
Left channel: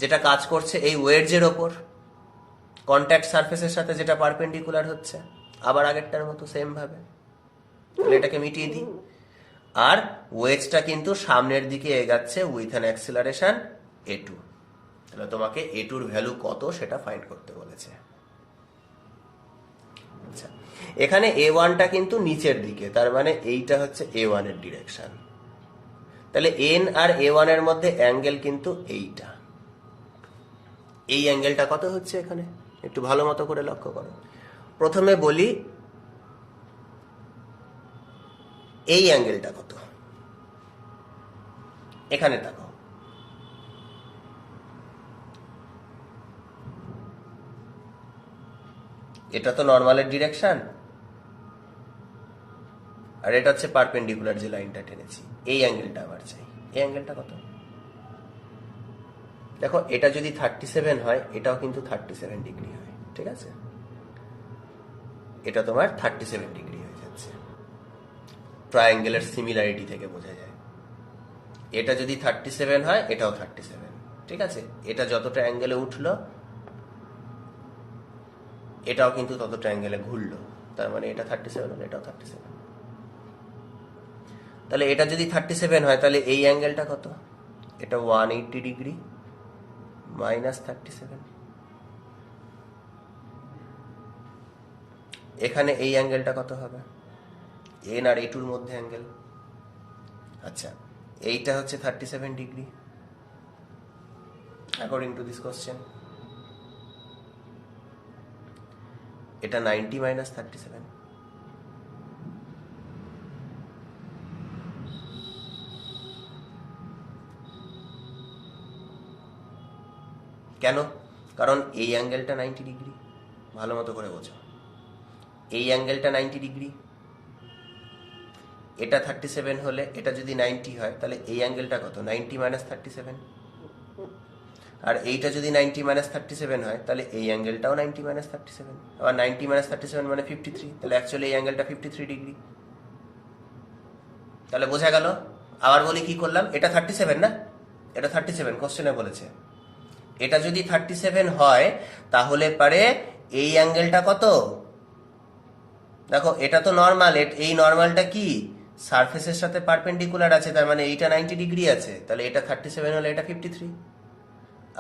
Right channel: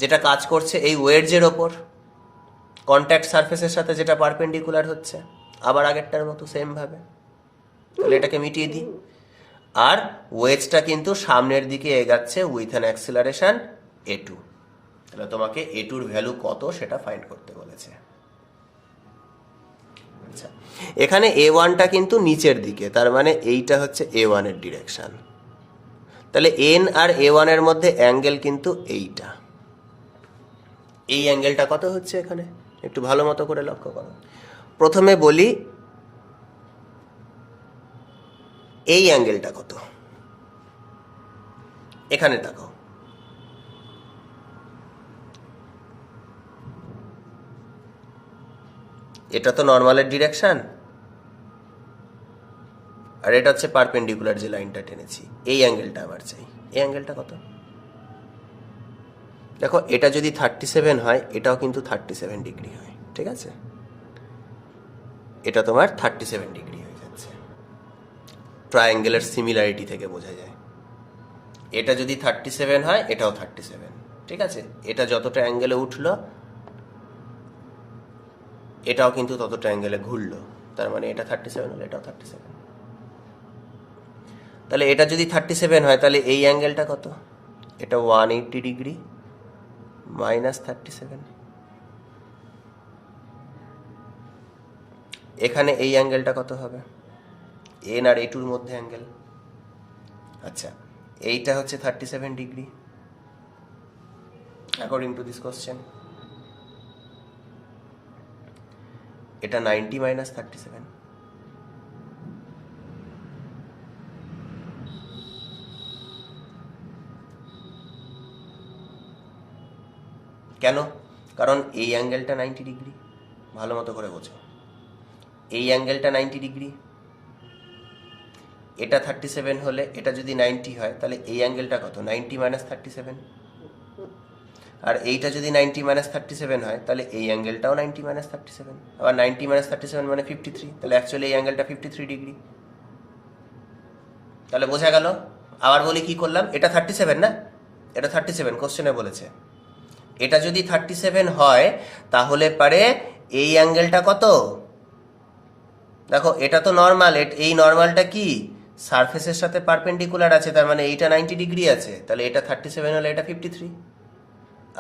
যেটা কাজ করছে এই ওয়েজের ওপর কন্ট্যাক্ট সারফেসের সাথে যেটা পারপেন্ডিকুলার হচ্ছে। আবার আগেরটার মতো সেম ভাবে, তাহলে এটাকে মিটিয়ে দিই। আর ওয়েজটা কিন্তু সামনের দিকে এগাচ্ছে উইথ অ্যান অ্যাক্সিলারেশন a2। তাহলে তোমাকে a2-র ভ্যালু কত সেটা ফাইন্ড করতে বলেছে। আচ্ছা, এখানে a1টা কিন্তু নিচের দিকে, তার মানে এইটা হচ্ছে a1 এর ডিরেকশন। তাহলে n আর a1 এর মধ্যে অ্যাঙ্গেল কিন্তু এইটা। এই অ্যাঙ্গেলটা কত হচ্ছে এখানে একটু ভালো মতো করে লক্ষ্য করো। প্রথমে বলি এই অ্যাঙ্গেলটা কত, এখানে দেখো এটা তো নর্মালের ডিরেকশন, আর এটা হচ্ছে পারপেন্ডিকুলার যে লাইনটা টেনেছি। এই অ্যাঙ্গেলটা আবার চাই, এই অ্যাঙ্গেলটা কত দেখো, এটা যদি 37 হয় এটাও কিন্তু 37 ডিগ্রি হয়। ঠিক আছে, এটা তোমার 37 ডিগ্রি হয়ে যাচ্ছে। ট্রায়াঙ্গেলের সিমিলারিটি থেকে বোঝা যায়। এটা যদি 37 হয় এটাও 37। ঠিক আছে, এটা যতটা অ্যাঙ্গেলে উঠলো এটাও কিন্তু ততটা অ্যাঙ্গেলে ঘুরলো, তার মানে এটা 37 হলো, এটাও 37। তাহলে এটা যদি 37 হয় তাহলে এই অ্যাঙ্গেলটা কত, এটা 180 ডিগ্রি মাইনাস 37। এখানে এই অ্যাঙ্গেলটা কত হবে, এন আর a2-র মধ্যে অ্যাঙ্গেল। আচ্ছা, এইটা হচ্ছে 37 degree according to this question. এটা 90 মাইনাস 37। কেন, কারণ এই অ্যাঙ্গেলটা 90 ডিগ্রি, ভালো মতো করে বোঝো। এই অ্যাঙ্গেলটা 90 ডিগ্রি, এটা 37 হলে এটা যদি 90 হয় তাহলে এই অ্যাঙ্গেলটা কত, 90 মাইনাস 37। আর এইটা যদি 90 মাইনাস 37 হয় তাহলে এই অ্যাঙ্গেলটাও 90 মাইনাস 37, আবার 90 মাইনাস 37 মানে 53, তাহলে অ্যাকচুয়ালি এই অ্যাঙ্গেলটা 53 ডিগ্রি। তাহলে বোঝা গেল। আবার বলি কি করলাম, এটা 37 না, এটা 37 কোশ্চেনে বলেছে। এটা যদি 37 হয় তাহলে পারে এই অ্যাঙ্গেলটা কত, দেখো এটা তো নর্মাল, এই নর্মালটা কি সারফেসের সাথে পারপেন্ডিকুলার আছে, তার মানে এইটা 90 ডিগ্রি আছে, তাহলে এটা 37 হলে এটা 53।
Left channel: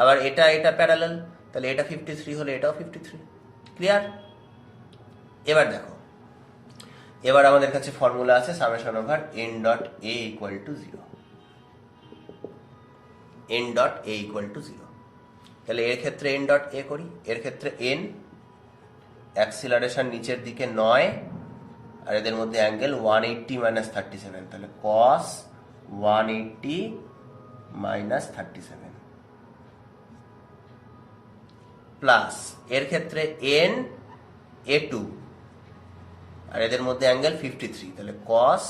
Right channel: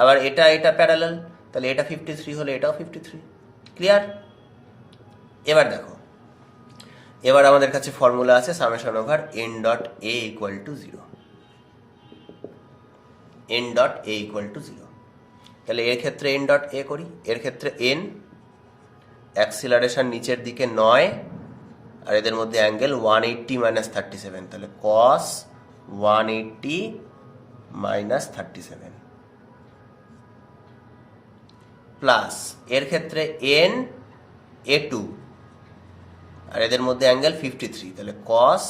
আবার এটা প্যারালাল, তাহলে এটা 53 হলে এটাও 53। ক্লিয়ার? এবার দেখো, এবার আমাদের কাছে ফর্মুলা আছে summation over N dot A equal to 0, N dot A equal to 0। তাহলে এর ক্ষেত্রে এন ডট এ করি, এর ক্ষেত্রে এন, অ্যাক্সিলারেশন নিচের দিকে 9, আর এদের মধ্যে অ্যাঙ্গেল 180 মাইনাস 37, তাহলে কস 180 মাইনাস 37 প্লাস এর ক্ষেত্রে এন এ টু, আর এদের মধ্যে অ্যাঙ্গেল 53, তাহলে কস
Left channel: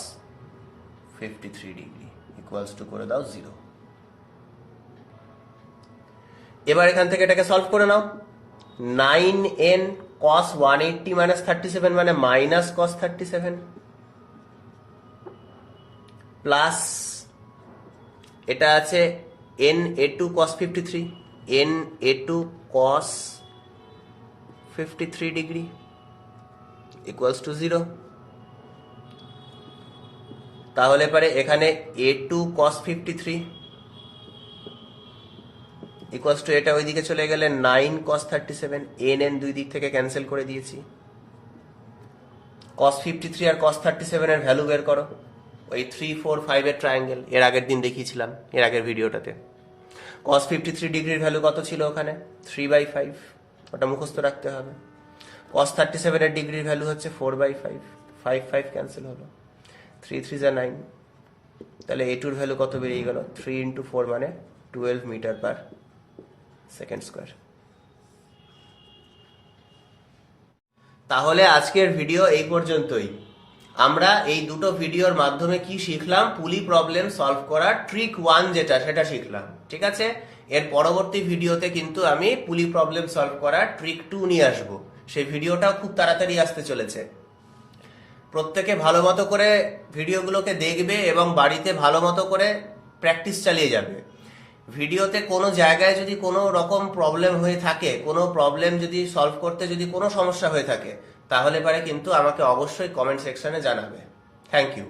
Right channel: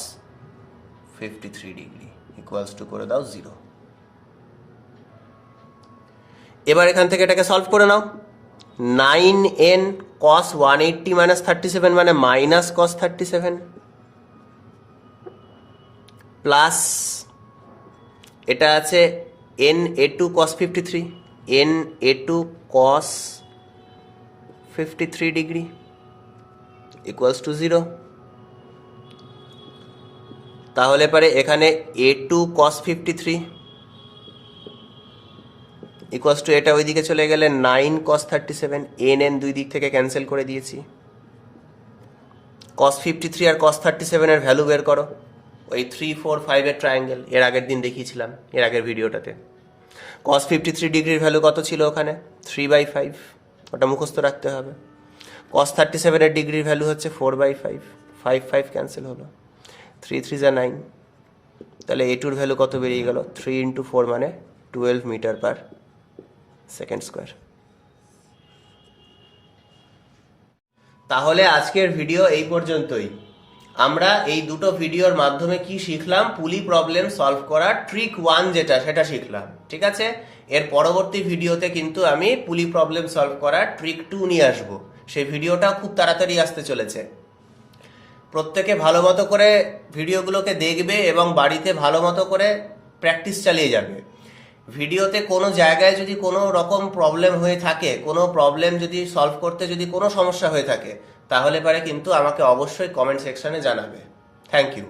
53 ডিগ্রি ইকুয়ালস টু করে দাও 0। এবার এখান থেকে এটাকে সলভ করে নাও। 9n cos 180 মাইনাস 37 মানে মাইনাস cos 37 প্লাস এটা আছে n a2 cos 53, n a2 cos 53 degree equals to 0। তাহলে পারে এখানে a2 cos 53 ইকুয়ালস টু এটা ওইদিকে চলে গেলে 9 cos 37, n দুই দিক থেকে ক্যান্সেল করে দিয়েছি। cos 53 আর cos 37 এর ভ্যালু বের করো, ওই 3 4 5 এর ট্রায়াঙ্গেল, এর আগের দিন দেখিয়েছিলাম এর আগের ভিডিওটাতে। cos 53 ডিগ্রির ভ্যালু কত ছিল ওখানে, 3/5, ওটা মুখস্থ রাখতে হবে। cos 37 এর ডিগ্রির ভ্যালু হচ্ছে 4/5, 5 5 ক্যান্সেল হলো, 3 3 যা 9, তাহলে a2 এর ভ্যালু কত বেরিয়ে গেল, 3 ইন্টু 4 মানে 12 মিটার পার সেকেন্ড স্কোয়ার। তাহলে আজকের ভিডিও এই পর্যন্তই। আমরা এই দুটো ভিডিওর মাধ্যমে কি শিখলাম, পুলি প্রবলেম সলভ করার ট্রিক 1 যেটা সেটা শিখলাম, ঠিক আছে। এর পরবর্তী ভিডিওতে কিন্তু আমি পুলি প্রবলেম সলভ করার ট্রিক 2 নিয়ে আসব, সেই ভিডিওটাও খুব তাড়াতাড়ি আসতে চলেছে। প্রত্যেকে ভালো মতো করে ভিডিওগুলোকে দেখবে এবং বাড়িতে ভালো মতো করে প্র্যাকটিস চালিয়ে যাবে। ভিডিওতে কোনো জায়গায় যদি কোনো রকম প্রবলেম হয়ে থাকে, কোনো প্রবলেম যদি সলভ করতে যদি কোনো সমস্যা হয়ে থাকে, তাহলে পারে কিন্তু আমাকে অবশ্যই কমেন্ট সেকশনে জানাবে। Thank you.